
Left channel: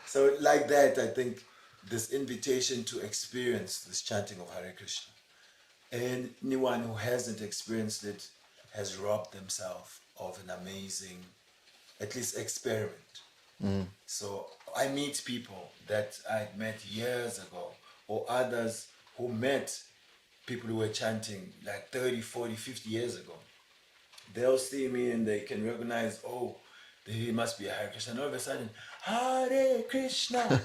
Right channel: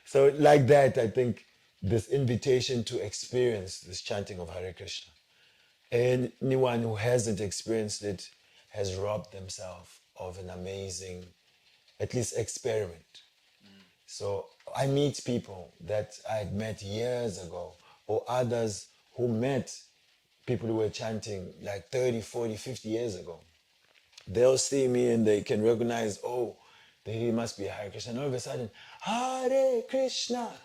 So like that, I think this invitation to experience this chanting of Hare Krishna. Anyone who hasn't experienced it has robbed themselves of an amazing, at least experiment. So I meet people that I'd met years ago, or others who met people who were chanting like 30, 40, 50 years ago. They'll see me and they can recognize, oh, he must be a Hare Krishna. And all of a sudden, Hare Krishna.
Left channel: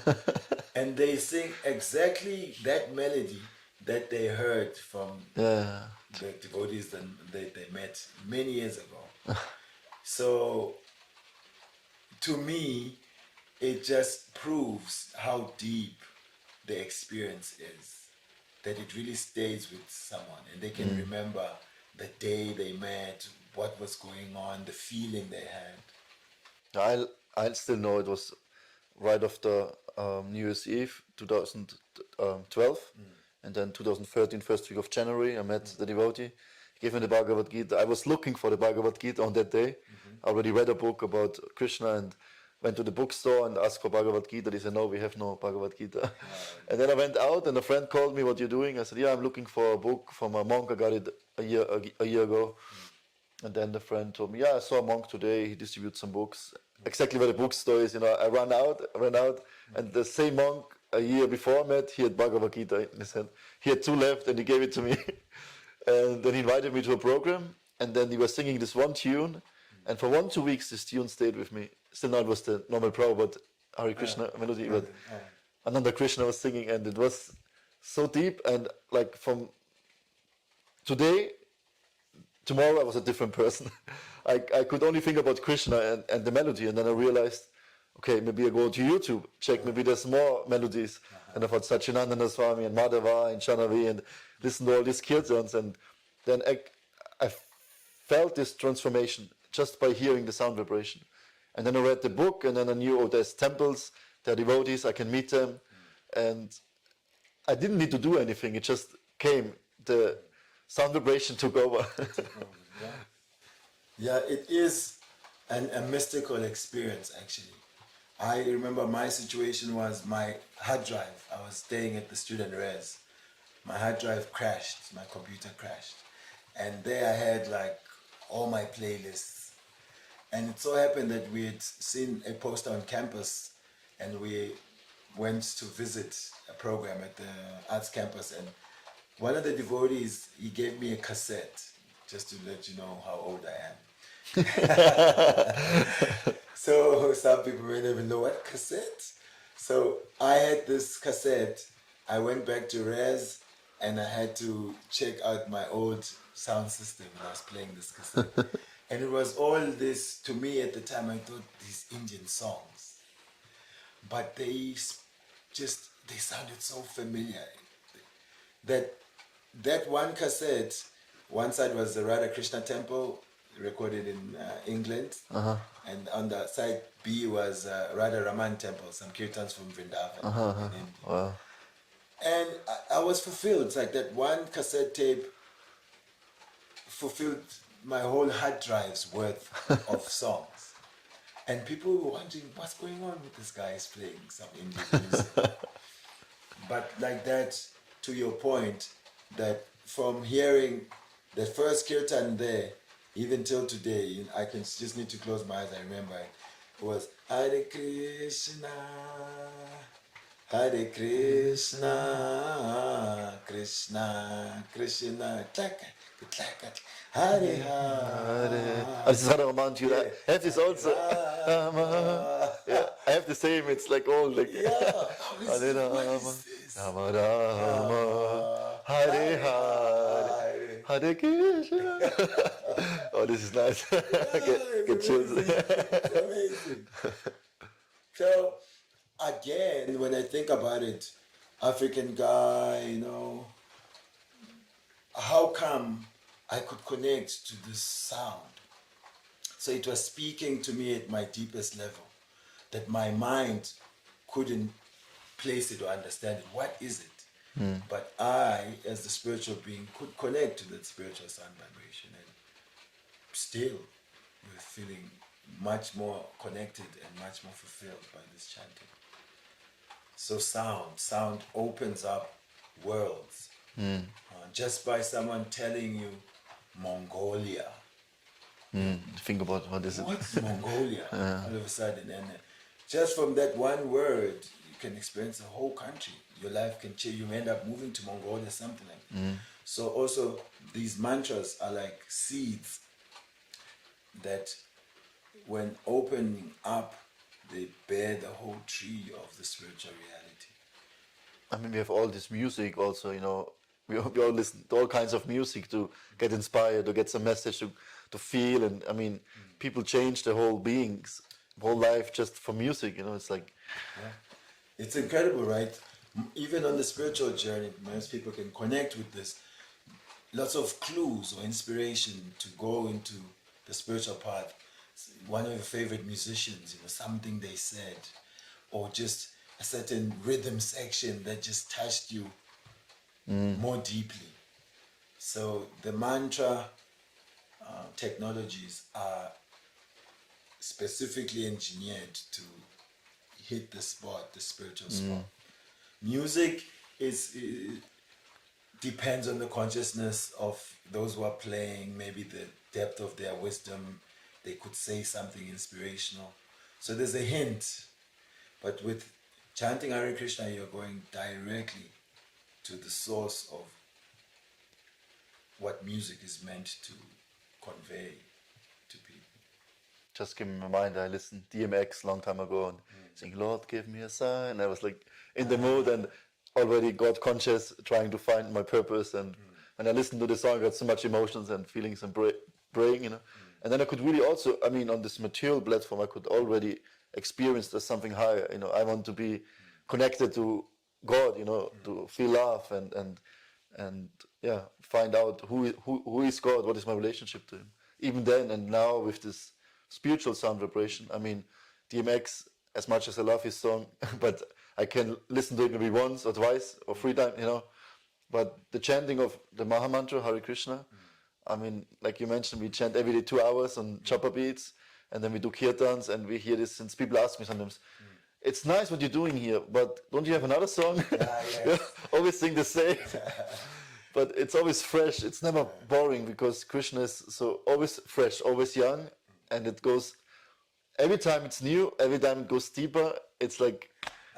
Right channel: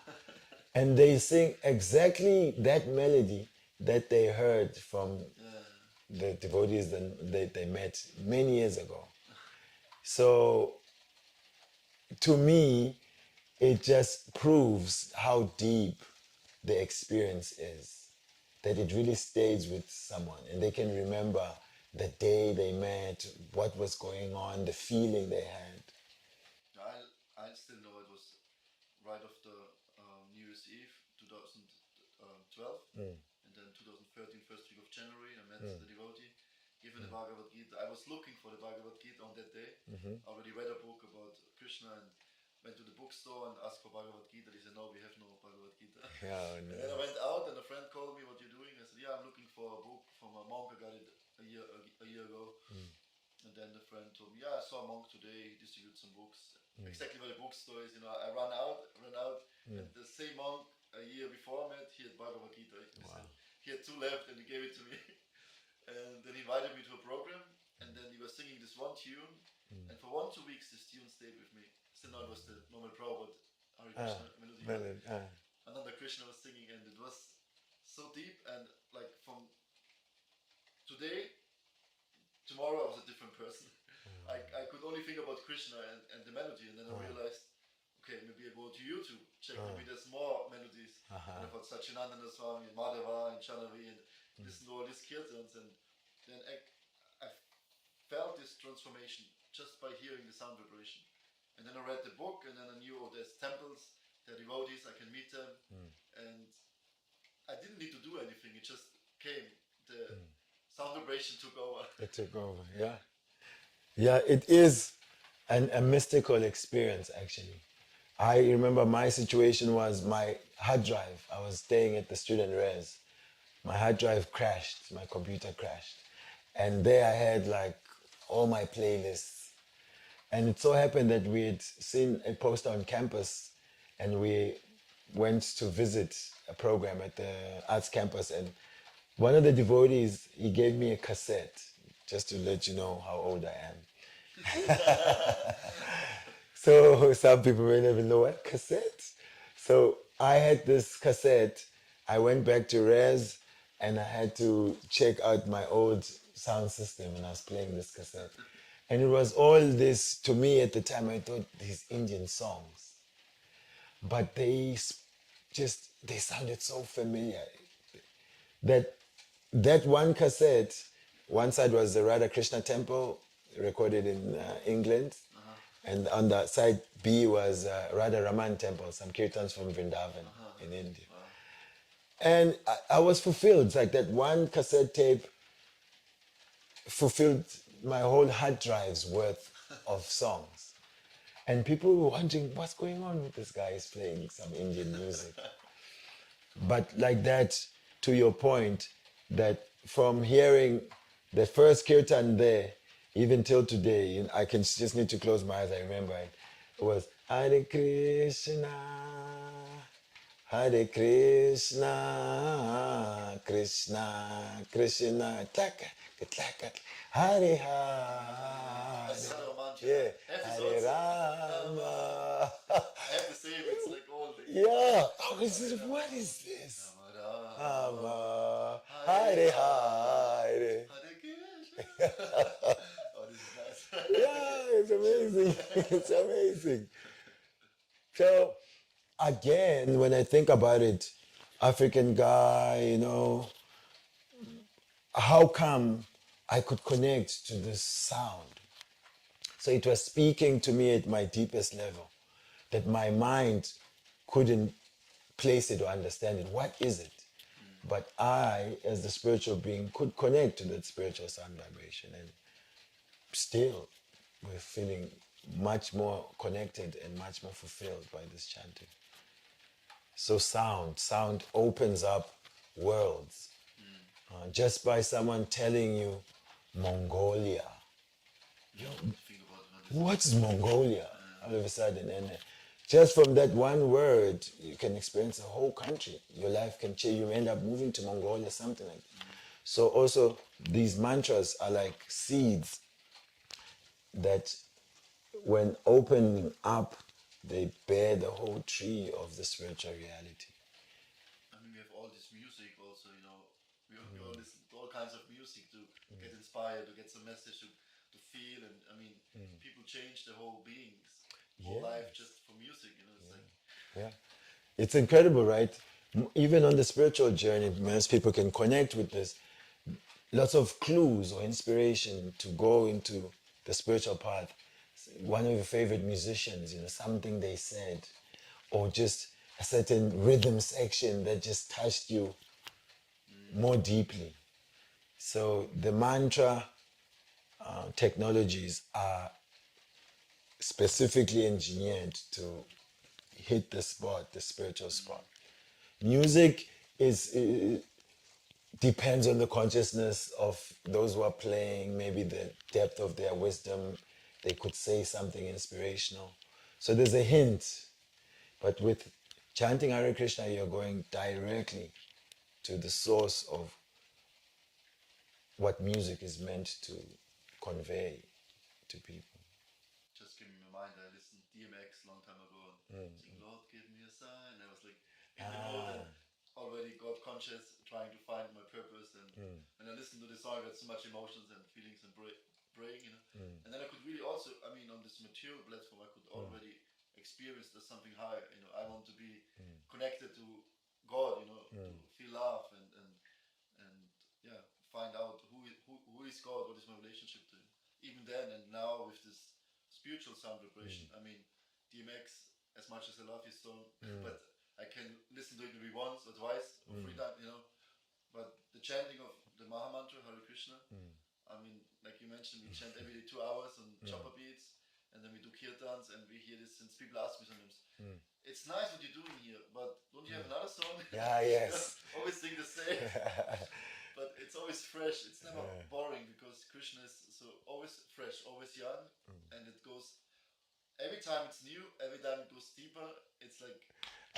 And they sing exactly that melody that they heard from the devotees that they met many years ago. So to me, it just proves how deep the experience is, that it really stays with someone and they can remember the day they met, what was going on, the feeling they had. I still know it was right after New Year's Eve 2012, and then 2013, first week of January, I met the devotee. He gave me the Bhagavad Gita. I was looking for the Bhagavad Gita on that day. I already read a book about Krishna and went to the bookstore and asked for Bhagavad Gita. They said, no, we have no Bhagavad Gita. And then I went out and a friend called me, what are you doing? I said, yeah, I'm looking for a book from a monk. I got it a year ago. And then the friend told me, yeah, I saw a monk today. He distributes some books. Exactly where the bookstore is, I ran out. And the same monk a year before I met, he had Bhagavad Gita in his hand. He had 2 left and he gave it to me. And then he invited me to a program. And then he was singing this one tune. And for 1-2 weeks, this tune stayed with me. Still not was the normal Prabhupada Hare Krishna melody, but Ananda Krishna was singing, and it was so deep. And like from tomorrow I was a different person. I could only think about Krishna and the melody, and then I realized, okay, maybe I go to YouTube, check, maybe there's more melodies. And I thought Satchidananda Swami and Madhava and Shanavi and listen to all these kirtans, and then I felt this transformation just by hearing the sound vibration. And then I read the book, and then I knew, oh, there's temples, there are devotees, I can meet them. And I didn't need to do anything, it just came. The sound vibration took over. Yeah, it is a mystical experience, actually. I remember my situation was my hard drive. I was staying at the student res. My hard drive crashed, my computer crashed. And there I had like all my playlists. And it so happened that we had seen a poster on campus and we went to visit a program at the arts campus, and one of the devotees, he gave me a cassette, just to let you know how old I am. So some people may never know what cassette. So I had this cassette. I went back to Res and I had to check out my old sound system when I was playing this cassette. And it was all this, to me at the time, I thought these Indian songs. But they sounded so familiar. That one cassette, one side was the Radha Krishna temple, recorded in England. And on the side B was Radha Raman temple, some kirtans from Vrindavan in India. Wow. And I was fulfilled. It's like that one cassette tape fulfilled my whole hard drive's worth of songs. And people were wondering, what's going on with this guy? He's playing some Indian music. But like that, to your point, that from hearing the first kirtan there, even till today, I can just need to close my eyes, I remember it. It was Hare Krishna, Hare Krishna, Krishna, Krishna, tlaka, tlaka, Hare Hare. This is Hare Raman tune. Yeah. I have this also. Yeah, I have the same. It's like all like. Yeah. Hare What Rama, is this? Rama Rama, Hare Hare, Hare Krishna. Oh, this is nice. Get chills. It's amazing. So, again, when I think about it, African guy, how come I could connect to this sound? So it was speaking to me at my deepest level, that my mind couldn't place it or understand it. What is it? But I, as the spiritual being, could connect to that spiritual sound vibration, and still we're feeling much more connected and much more fulfilled by this chanting. So sound opens up worlds. Just by someone telling you Mongolia. Think about what is it? What's Mongolia? All of a sudden, and just from that one word, you can experience a whole country. Your life can change. You end up moving to Mongolia, something like that. So also, these mantras are like seeds that, when opening up, they bear the whole tree of the spiritual reality. I mean, we have all this music also, we all listen to all kinds of music to get inspired, to get some message, to feel. And I mean, people change their whole beings, whole life just for music, it's like... Yeah. It's incredible, right? Even on the spiritual journey, most people can connect with this. Lots of clues or inspiration to go into the spiritual path. One of your favorite musicians, something they said, or just a certain rhythm section that just touched you more deeply. So the mantra technologies are specifically engineered to hit the spot, the spiritual spot. Music depends on the consciousness of those who are playing, maybe the depth of their wisdom. They could say something inspirational. So there's a hint. But with chanting Hare Krishna, you're going directly to the source of what music is meant to convey to people. Just give me my mind, I listened DMX long time ago and saying, Lord, give me a sign. I was like in the mood and already got conscious, trying to find my purpose. And when I listened to the song, I got so much emotions and feelings and praying, And then I could really also, on this material platform, I could already experience there's something higher. I want to be connected to God, to feel love and find out who is God, what is my relationship to Him. Even then and now with this spiritual sound vibration, DMX, as much as I love his song, but I can listen to it maybe once or twice or 3 times, But the chanting of the Maha Mantra, Hare Krishna, like you mentioned, we chant every day 2 hours on chopper beats, and then we do kirtans, and we hear this, since people ask me sometimes, it's nice what you're doing here, but don't you have another song? Yes. Always sing the same. but it's always fresh. It's never boring because Krishna is so always fresh, always young, and it goes every time it's new. Every time it goes deeper. It's like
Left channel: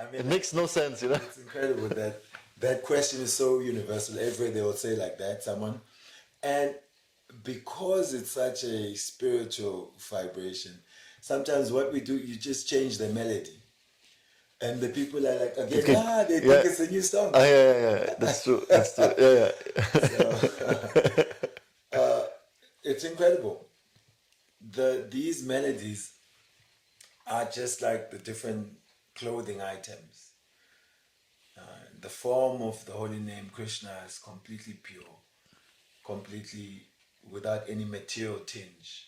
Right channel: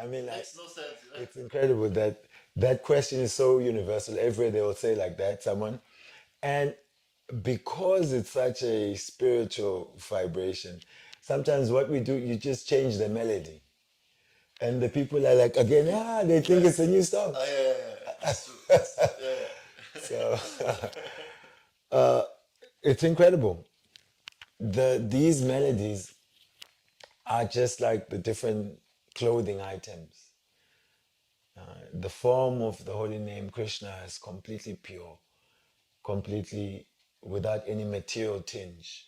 I mean, it makes no sense, you know. it's incredible that that question is so universal. Everywhere they will say like that, someone. And because it's such a spiritual vibration, sometimes what we do, you just change the melody. And the people are like, again, they think it's a new song. Yeah. That's true. That's true. It's incredible. These melodies are just like the different clothing items. The form of the holy name Krishna is completely pure, completely without any material tinge,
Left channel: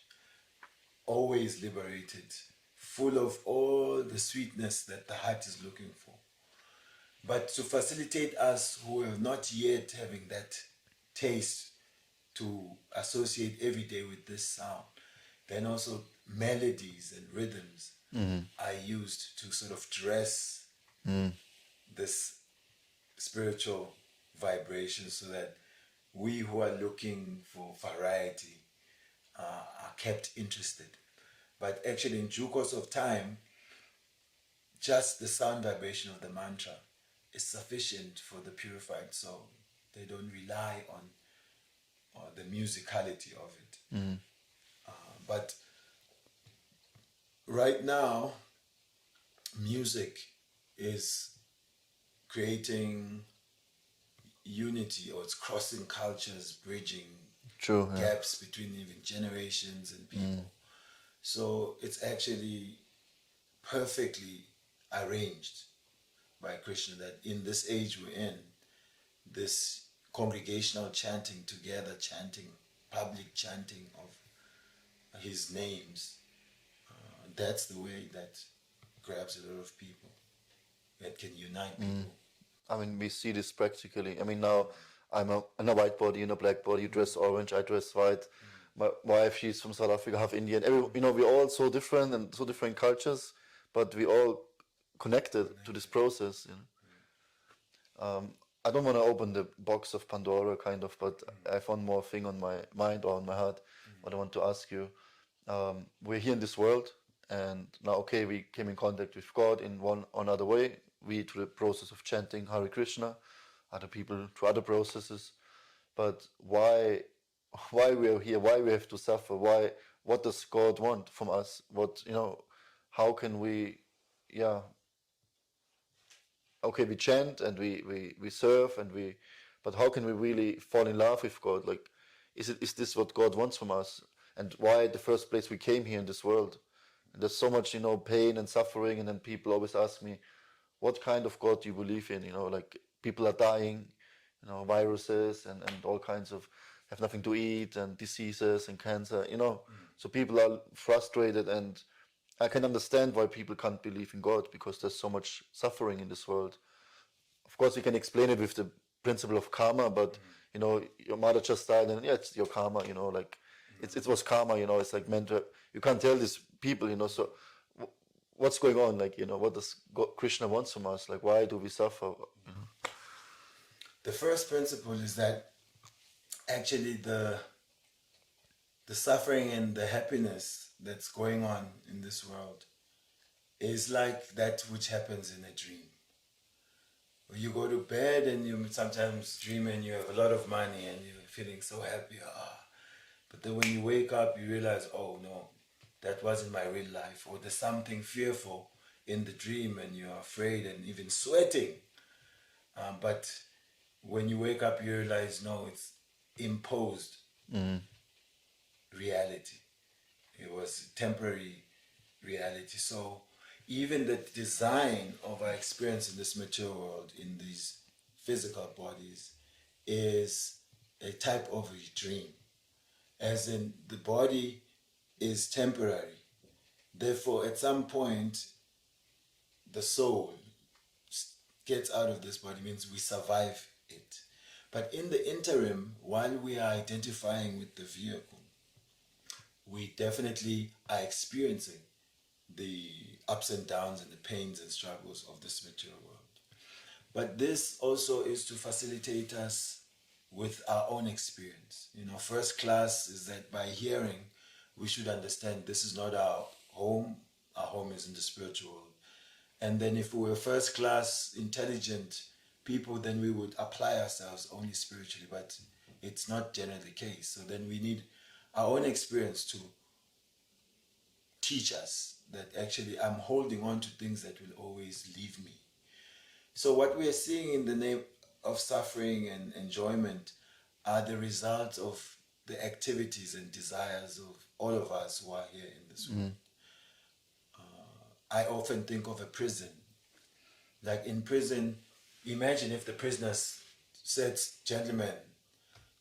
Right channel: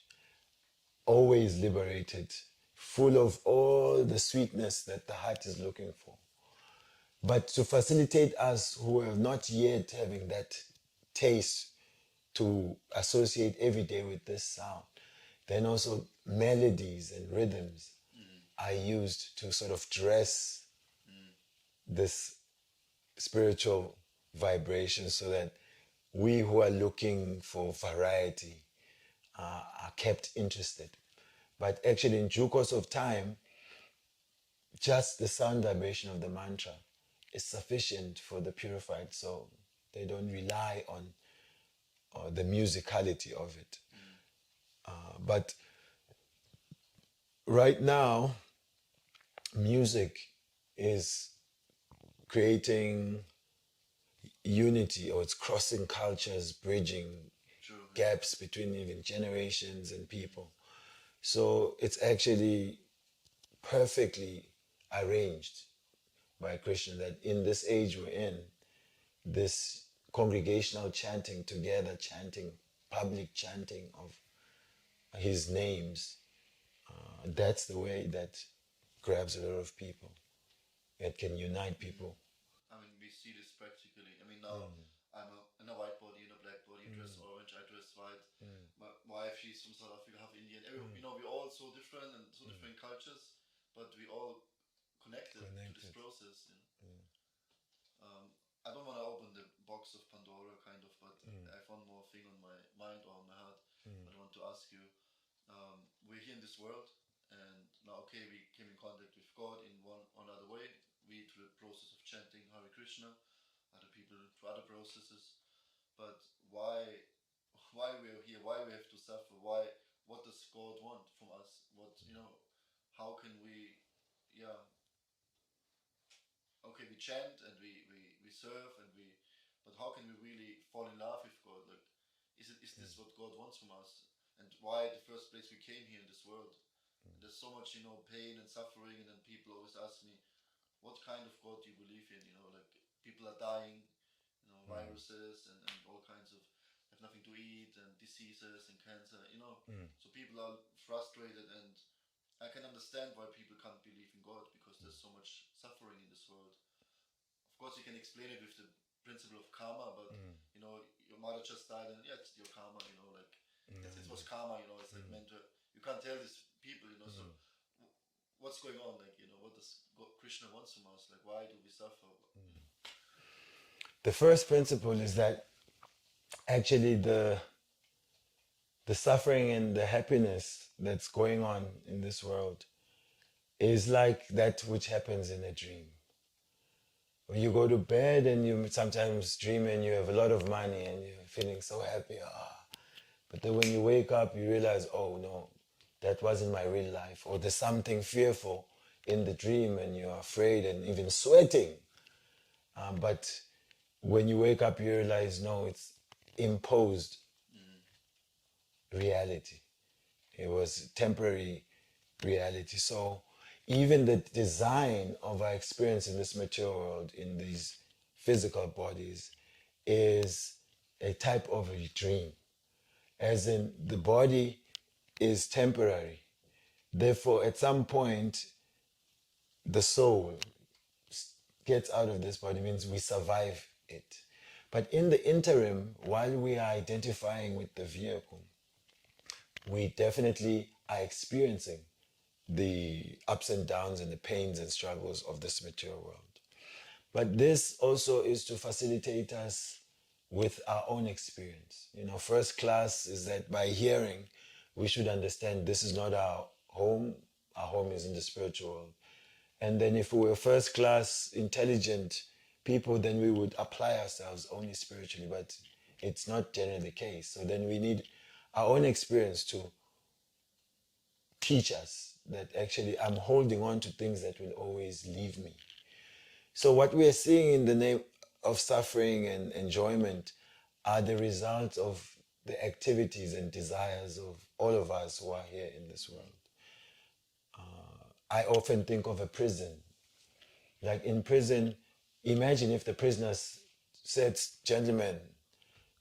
always liberated, full of all the sweetness that the heart is looking for. But to facilitate us who are not yet having that taste to associate every day with this sound, then also melodies and rhythms are used to sort of dress this spiritual vibration so that we who are looking for variety are kept interested. But actually, in due course of time, just the sound vibration of the mantra is sufficient for the purified soul. They don't rely on the musicality of it. But right now, music is creating unity, or it's crossing cultures, bridging True. gaps between even generations and people. So it's actually perfectly arranged by Krishna that in this age we're in, this congregational chanting together, chanting, public chanting of his names, that's the way that grabs a lot of people. It can unite people. I mean, we see this practically. I mean, now I'm in a white body, in a black body. You dress orange, I dress white. My wife, she's from South Africa, half Indian. We're all so different and so different cultures, but we all connected to this process. I don't want to open the box of Pandora, kind of, but I have one more thing on my mind or on my heart. What I want to ask you: we're here in this world, and now, okay, we came in contact with God in one or another way. We through the process of chanting Hare Krishna, other people through other processes. But why we are here? Why we have to suffer? Why? What does God want from us? How can we? Yeah. Okay, we chant and we serve but how can we really fall in love with God? Like, is this what God wants from us? And why the first place we came here in this world? And there's so much, pain and suffering, and then people always ask me, what kind of God do you believe in? Like people are dying, viruses and all kinds of have nothing to eat and diseases and cancer, So people are frustrated, and I can understand why people can't believe in God, because there's so much suffering in this world. Of course, you can explain it with the principle of karma, but your mother just died, and it's your karma. Like it was karma. It's like meant to. You can't tell these people. So what's going on? Like what does Krishna wants from us? Like why do we suffer? The first principle is that actually the suffering and the happiness that's going on in this world is like that which happens in a dream. When you go to bed and you sometimes dream and you have a lot of money and you're feeling so happy, but then when you wake up, you realize, oh no, that wasn't my real life. Or there's something fearful in the dream and you're afraid and even sweating. But when you wake up, you realize, no, it's imposed reality. It was temporary reality. So even the design of our experience in this material world, in these physical bodies, is a type of a dream. As in, the body is temporary. Therefore, at some point, the soul gets out of this body, means we survive it. But in the interim, while we are identifying with the vehicle, we definitely are experiencing the ups and downs and the pains and struggles of this material world. But this also is to facilitate us with our own experience. You know, first class is that by hearing, we should understand this is not our home is in the spiritual world. And then if we were first class intelligent people, then we would apply ourselves only spiritually, but it's not generally the case. So then we need our own experience to teach us that actually I'm holding on to things that will always leave me. So what we are seeing in the name of suffering and enjoyment are the results of the activities and desires of all of us who are here in this world. I often think of a prison. Like in prison, imagine if the prisoners said, gentlemen,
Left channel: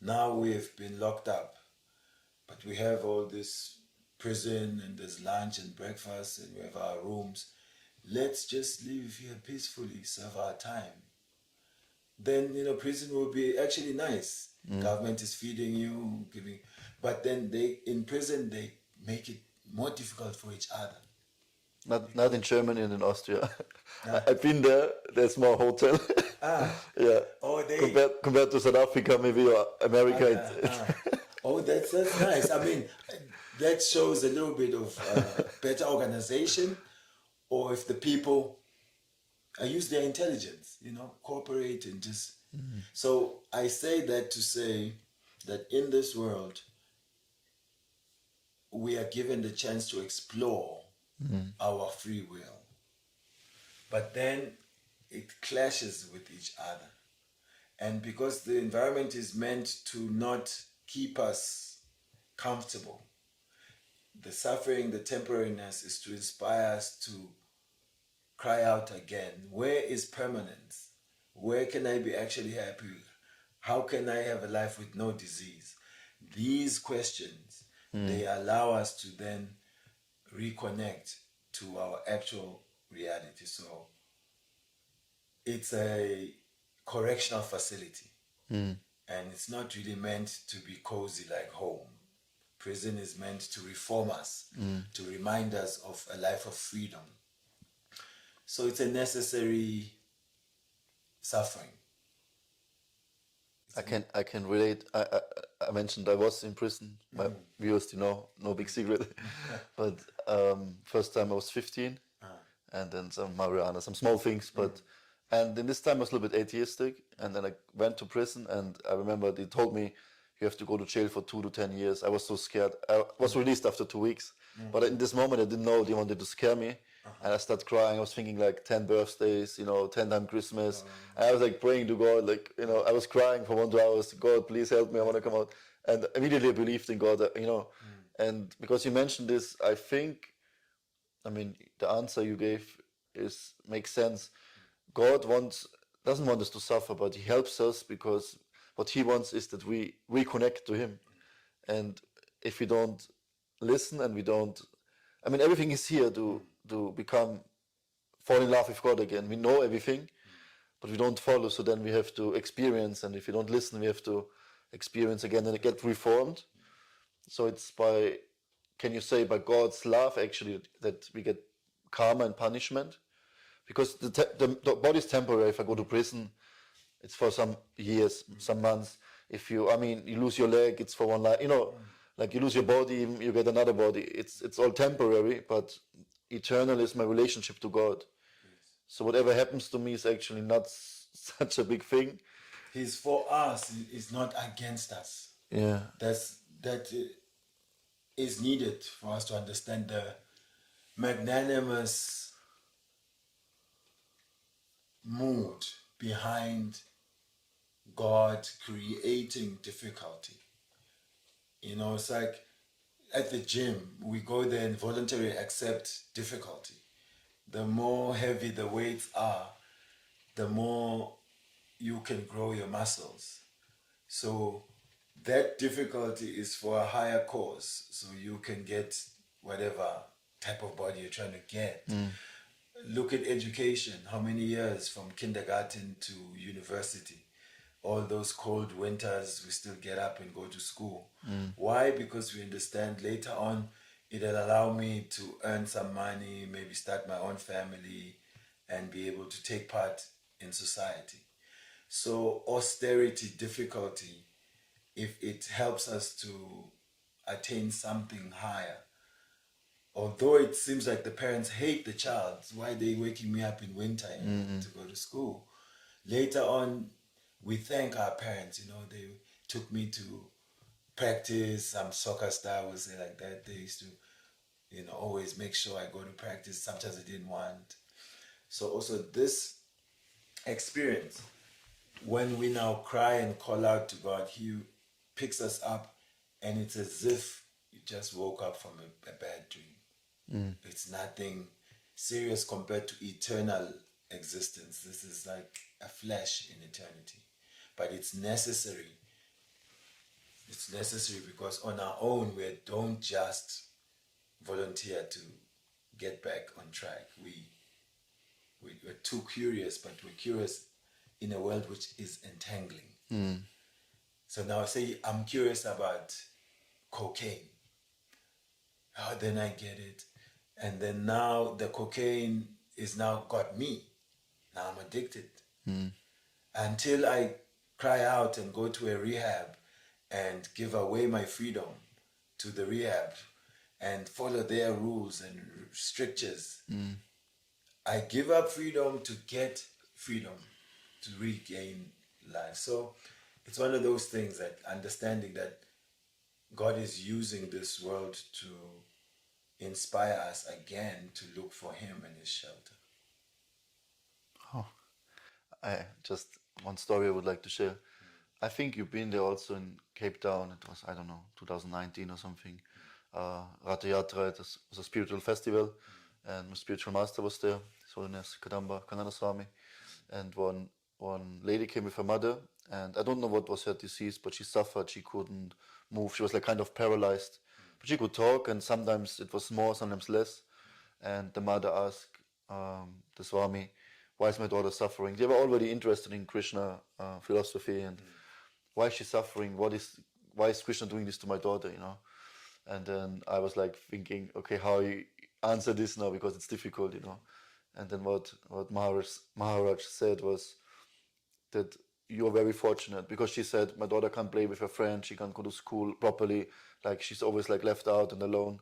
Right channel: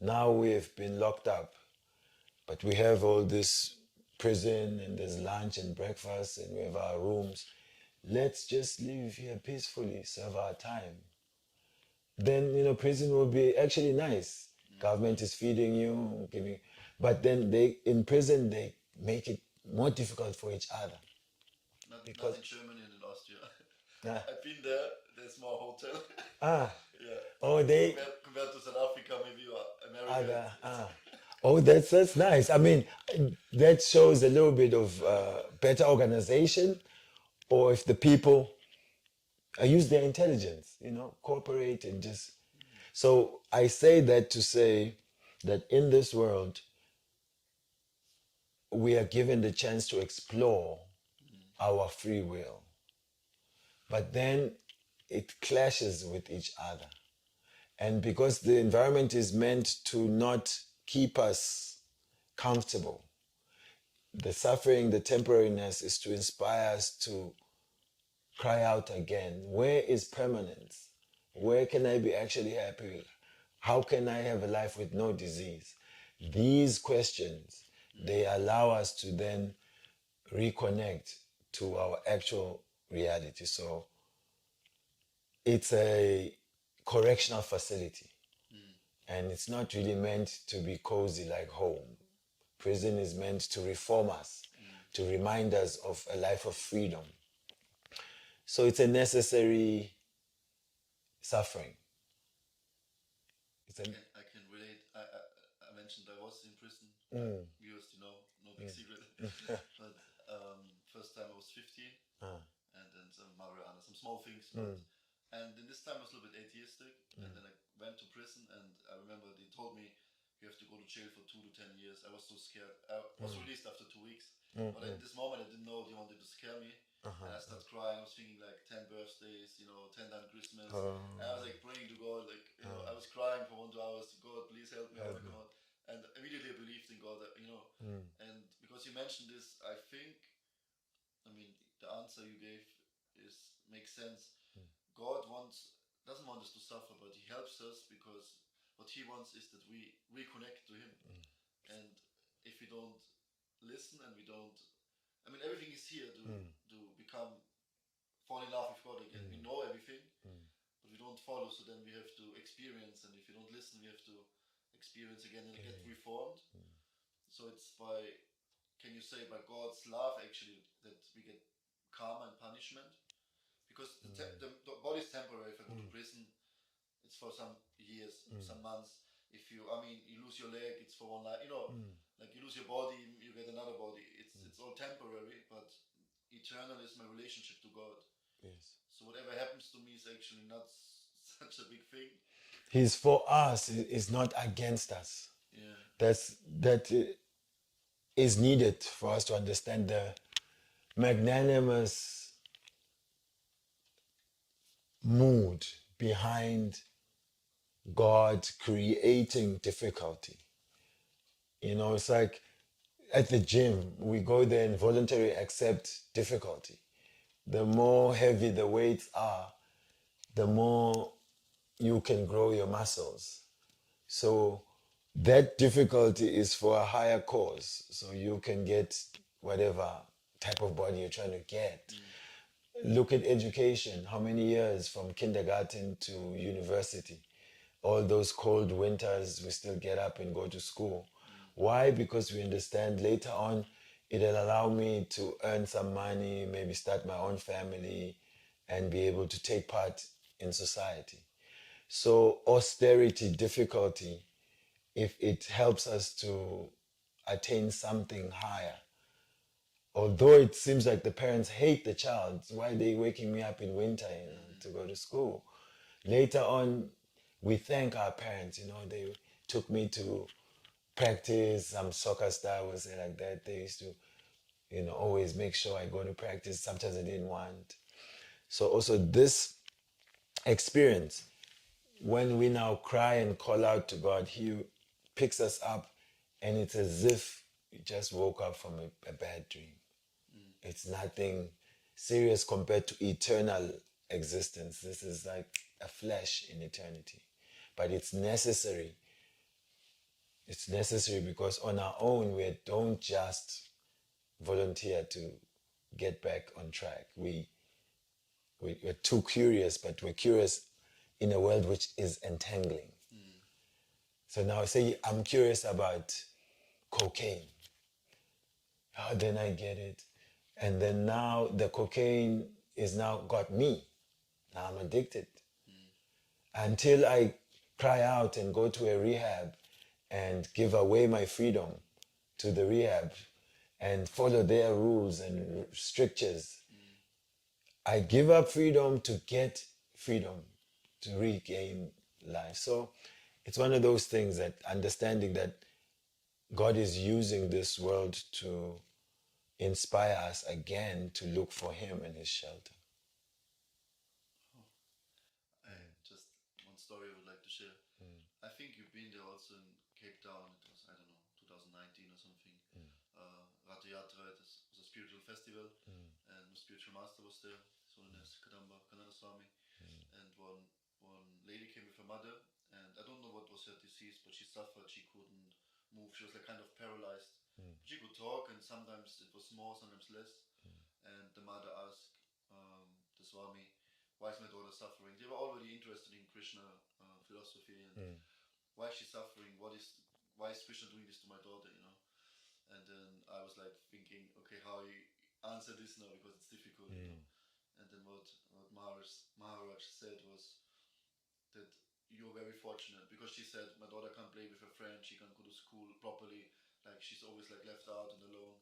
now we've been locked up, but we have all this prison and there's lunch and breakfast and we have our rooms. Let's just live here peacefully, serve our time. Then, you know, prison will be actually nice. Government is feeding you, giving, but then in prison, they make it more difficult for each other. Not in Germany and in Austria. I've been there. There's more hotel. Yeah. Oh, compared to South Africa, maybe, or America. Oh, that's nice. I mean, that shows a little bit of better organization, or if the people use their intelligence, you know, cooperate and just. So I say that to say that in this world, we are given the chance to explore our free will. But then it clashes with each other. And because the environment is meant to not keep us comfortable, the suffering, the temporariness is to inspire us to cry out again. Where is permanence? Where can I be actually happy? How can I have a life with no disease? These questions, they allow us to then reconnect to our actual reality. So it's a correctional facility. And it's not really meant to be cozy like home. Prison is meant to reform us, to remind us of a life of freedom. So it's a necessary suffering. I can relate. I mentioned I was in prison. My viewers, no big secret. But first time I was 15, and then some marijuana, some small things. But and then this time I was a little bit atheistic, and then I went to prison, and I remember they told me you have to go to jail for 2 to 10 years. I was so scared. I was released after 2 weeks, but in this moment I didn't know they wanted to scare me. And I started crying. I was thinking like 10 birthdays, 10 times Christmas. And I was like praying to God, I was crying for 1 2 hours. God, please help me. I want to come out. And immediately I believed in God, And because you mentioned this, I think, the answer you gave makes sense. God doesn't want us to suffer, but He helps us because what He wants is that we reconnect to Him. And if we don't listen and we don't, everything is here to fall in love with God again. We know everything, but we don't follow. So then we have to experience, and if we don't listen, we have to experience again and get reformed. So it's can you say by God's love actually that we get karma and punishment? Because the body is temporary. If I go to prison, it's for some years, some months. If you lose your leg, it's for one life. Like you lose your body, you get another body. It's all temporary, but eternal is my relationship to God. Yes. So whatever happens to me is actually not such a big thing. He's for us. He's not against us. Yeah. That is needed for us to understand the magnanimous mood behind God creating difficulty. It's like at the gym, we go there and voluntarily accept difficulty. The more heavy the weights are, the more you can grow your muscles. So that difficulty is for a higher cause. So you can get whatever type of body you're trying to get. Look at education. How many years from kindergarten to university? All those cold winters, we still get up and go to school. Why? Because we understand later on, it'll allow me to earn some money, maybe start my own family, and be able to take part in society. So austerity, difficulty, if it helps us to attain something higher, although it seems like the parents hate the child, why are they waking me up in winter to go to school? Later on, we thank our parents, they took me to practice. I'm soccer star, we'll say like that. They used to, always make sure I go to practice. Sometimes I didn't want. So also this experience, when we now cry and call out to God, He picks us up, and it's as if we just woke up from a bad dream. It's nothing serious compared to eternal existence. This is like a flash in eternity. But it's necessary. It's necessary because on our own, we don't just volunteer to get back on track. We're too curious, but we're curious in a world which is entangling. So now say I'm curious about cocaine. How then I get it? And then now the cocaine is now got me. Now I'm addicted. Until I cry out and go to a rehab and give away my freedom to the rehab and follow their rules and strictures. I give up freedom to get freedom, to regain life. So it's one of those things that understanding that God is using this world to inspire us again to look for Him and His shelter. I just one story I would like to share. I think you've been there also in Cape Town. It was, I don't know, 2019 or something. Rata Yatra, it was a spiritual festival, and my spiritual master was there, His Holiness Kadamba Kanana Swami. And one lady came with her mother, and I don't know what was her disease, but she suffered. She couldn't move. She was like kind of paralyzed, but she could talk, and sometimes it was more, sometimes less. And the mother asked the Swami, why is my daughter suffering? They were already interested in Krishna philosophy, and why is she suffering? Why is Krishna doing this to my daughter? And then I was like thinking, okay, how you answer this now, because it's difficult, And then what Maharaj said was that you're very fortunate, because she said my daughter can't play with her friends, she can't go to school properly, like she's always like left out and alone.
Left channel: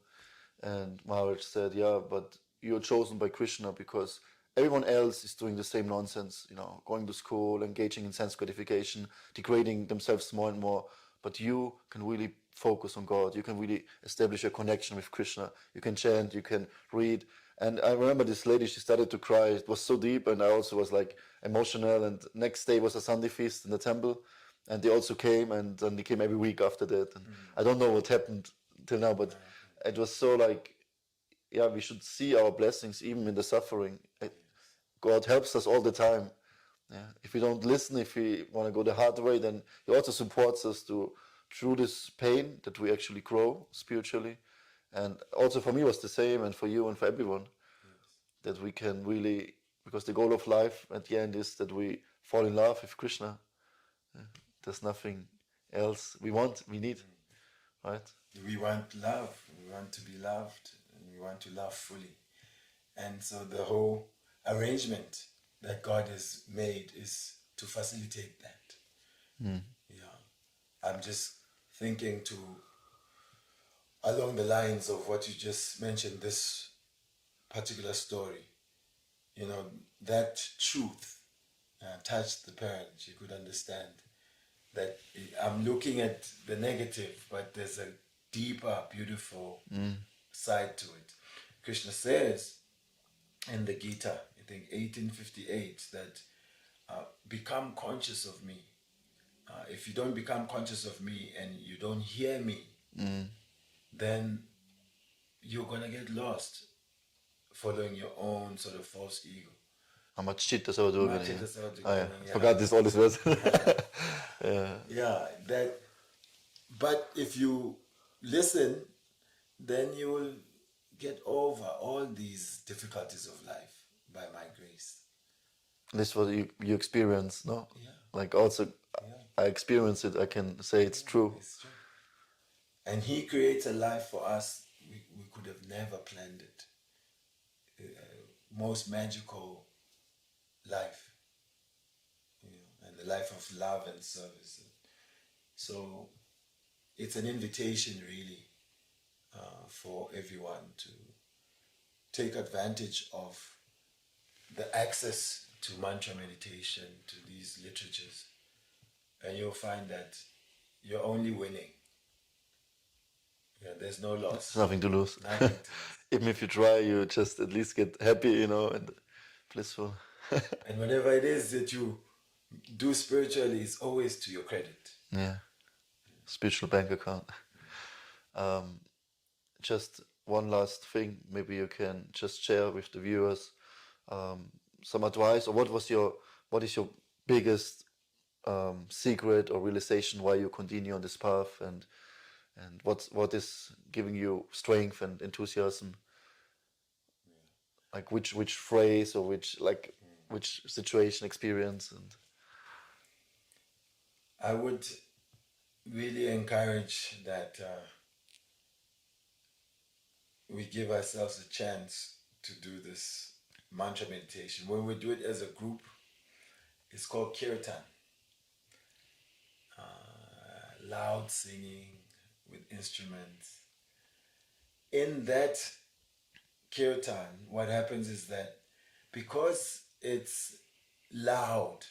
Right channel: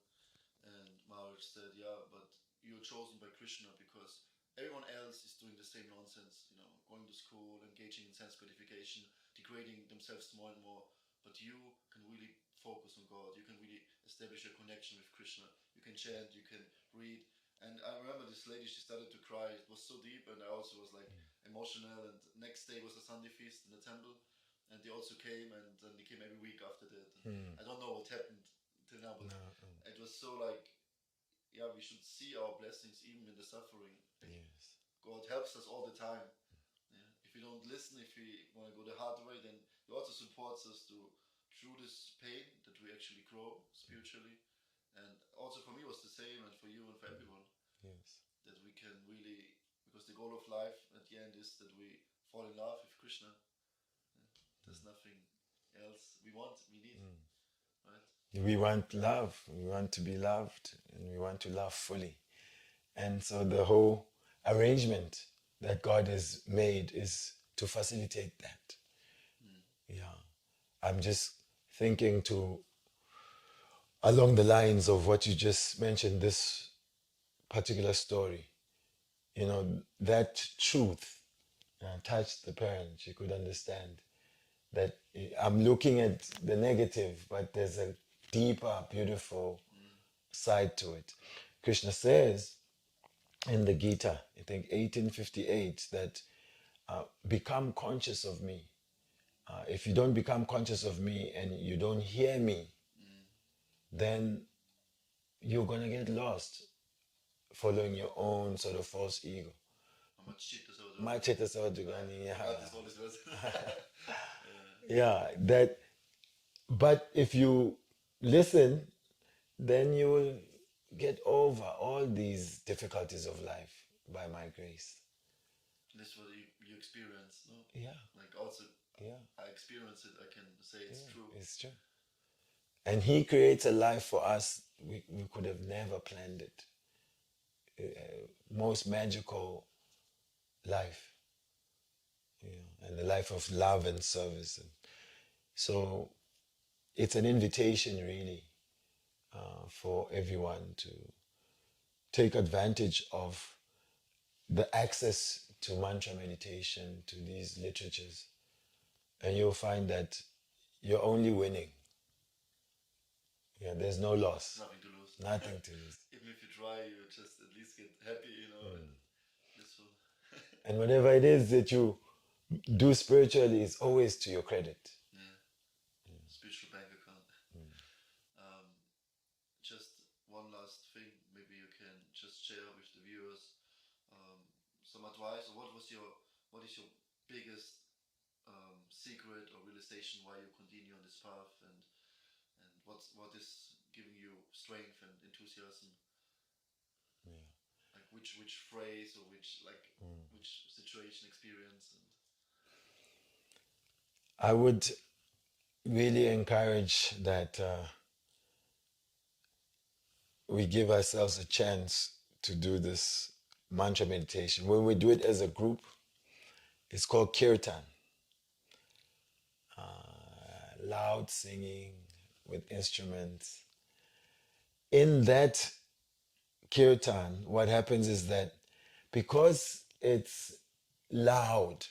And Maharaj said, yeah, but you're chosen by Krishna because everyone else is doing the same nonsense, going to school, engaging in sense gratification, degrading themselves more and more. But you can really focus on God. You can really establish a connection with Krishna. You can chant, you can read. And I remember this lady, she started to cry. It was so deep, and I also was like emotional. And next day was a Sunday feast in the temple. And they also came, and then they came every week after that. And I don't know what happened till now, but it was so like, yeah, we should see our blessings even in the suffering. God helps us all the time. Yeah. If we don't listen, if we want to go the hard way, then He also supports us to, through this pain, that we actually grow spiritually. And also for me was the same, and for you and for everyone, that we can really, because the goal of life at the end is that we fall in love with Krishna. There's nothing else we need, right? We want love, we want to be loved, and we want to love fully. And so the whole arrangement that God has made is to facilitate that. Yeah. I'm just thinking along the lines of what you just mentioned, this particular story. That truth touched the parent. She could understand that I'm looking at the negative, but there's a deeper, beautiful side to it. Krishna says in the Gita, I think 1858, that become conscious of me. If you don't become conscious of me and you don't hear me, then you're going to get lost following your own sort of false ego. Amachita Savadurvini. Machita Savadurvini, yeah. Forgot this all this words. Yeah, but if you listen, then you will get over all these difficulties of life by my grace. This was you experience, no? Yeah. Like also, I experienced it. I can say it's true. It's true. And He creates a life for us we could have never planned it. Most magical life. and a life of love and service. And so it's an invitation really for everyone to take advantage of the access to mantra meditation, to these literatures, and you'll find that you're only winning. Yeah, there's no loss. There's nothing to lose. Nothing to lose. Even if you try, you just at least get happy, you know, and blissful. And whatever it is that you do spiritually is always to your credit. Yeah. Spiritual bank account. Just one last thing, maybe you can just share with the viewers some advice, or what is your biggest secret or realization why you continue on this path, and what is giving you strength and enthusiasm? Like which phrase or which situation, experience, and I would really encourage that we give ourselves a chance to do this mantra meditation. When we do it as a group, it's called kirtan. Loud singing with instruments. In that kirtan, what happens is that because it's loud,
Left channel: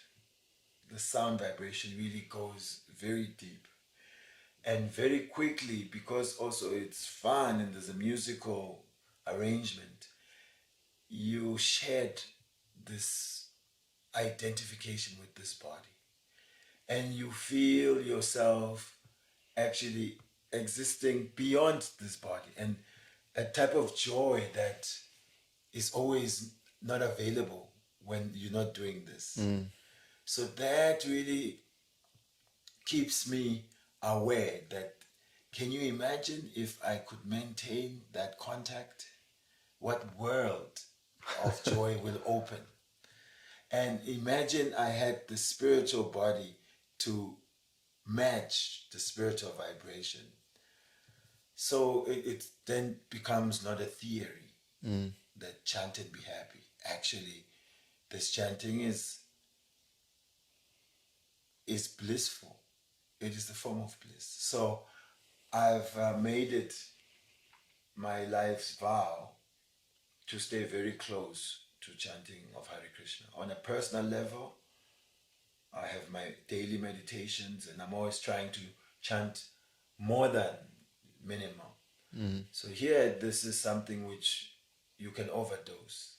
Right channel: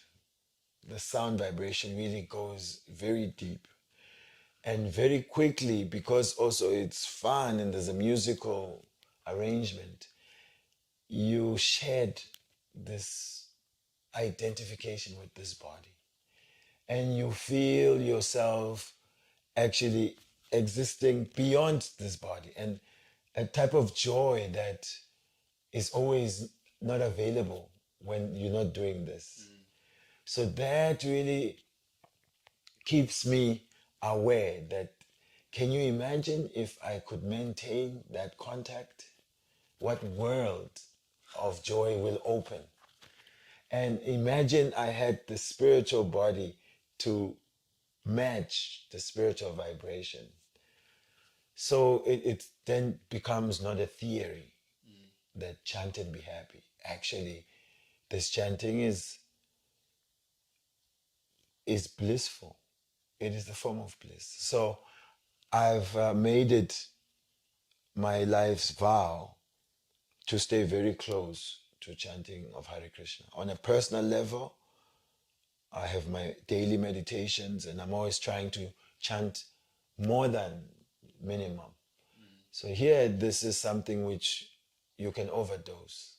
the sound vibration really goes very deep. And very quickly, because also it's fun and there's a musical arrangement, you shed this identification with this body. And you feel yourself actually existing beyond this body. And a type of joy that is always not available when you're not doing this. So that really keeps me aware that, can you imagine if I could maintain that contact? What world of joy will open? And imagine I had the spiritual body to match the spiritual vibration. So it then becomes not a theory that chant and be happy. Actually, this chanting is blissful. It is the form of bliss. So I've made it my life's vow to stay very close to chanting of Hare Krishna. On a personal level, I have my daily meditations and I'm always trying to chant more than minimum. So here, this is something which you can overdose.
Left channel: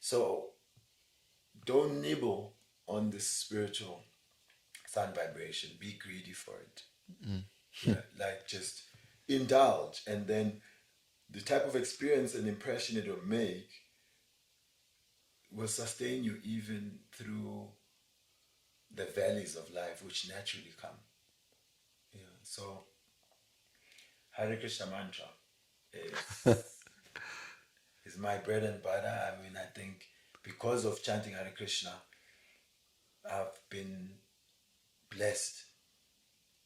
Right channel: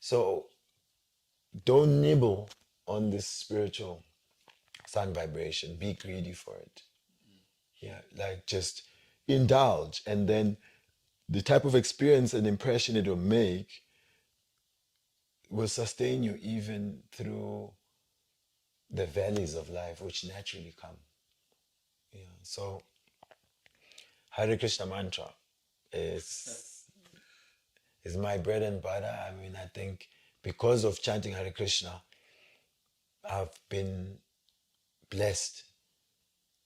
So don't nibble on this spiritual sound vibration. Be greedy for it. Yeah, like just indulge, and then the type of experience and impression it will make will sustain you even through the valleys of life which naturally come. Yeah. So Hare Krishna Mantra is my bread and butter. I mean, I think because of chanting Hare Krishna, I've been blessed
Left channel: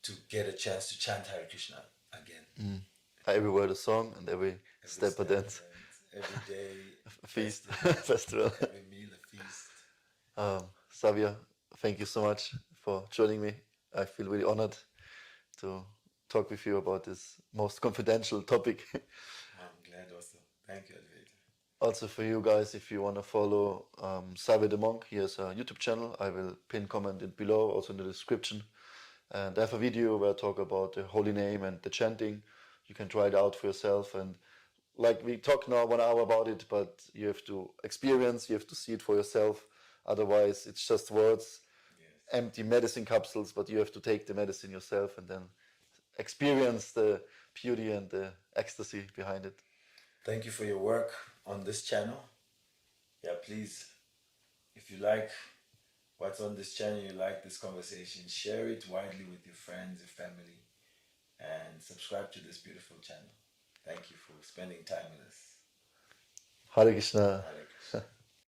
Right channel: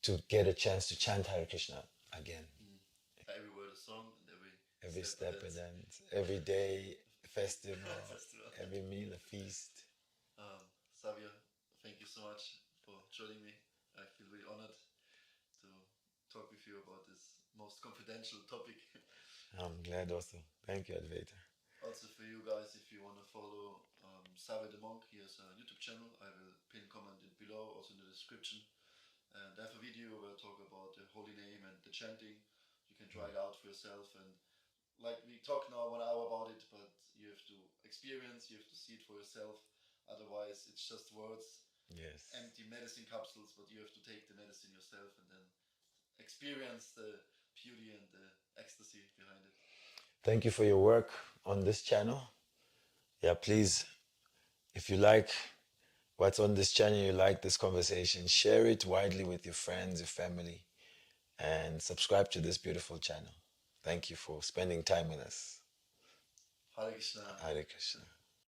to get a chance to chant Hare Krishna again. every word a song and every step a dance. Every day a Feast. festival, every meal a feast. Savya, thank you so much for joining me. I feel really honored to talk with you about this most confidential topic. I'm glad also. Thank you, Advaita. Also for you guys, if you want to follow Savya the Monk, he has a YouTube channel. I will pin comment it below, also in the description. And I have a video where I talk about the holy name and the chanting. You can try it out for yourself. And like we talk now 1 hour about it, but you have to experience, you have to see it for yourself. Otherwise, it's just words, empty medicine capsules, but you have to take the medicine yourself and then experience the beauty and the ecstasy behind it. Thank you for your work on this channel. Yeah, please, if you like what's on this channel, you like this conversation, share it widely with your friends, your family, and subscribe to this beautiful channel. Thank you for spending time with us. Hare Krishna. Hare Krishna.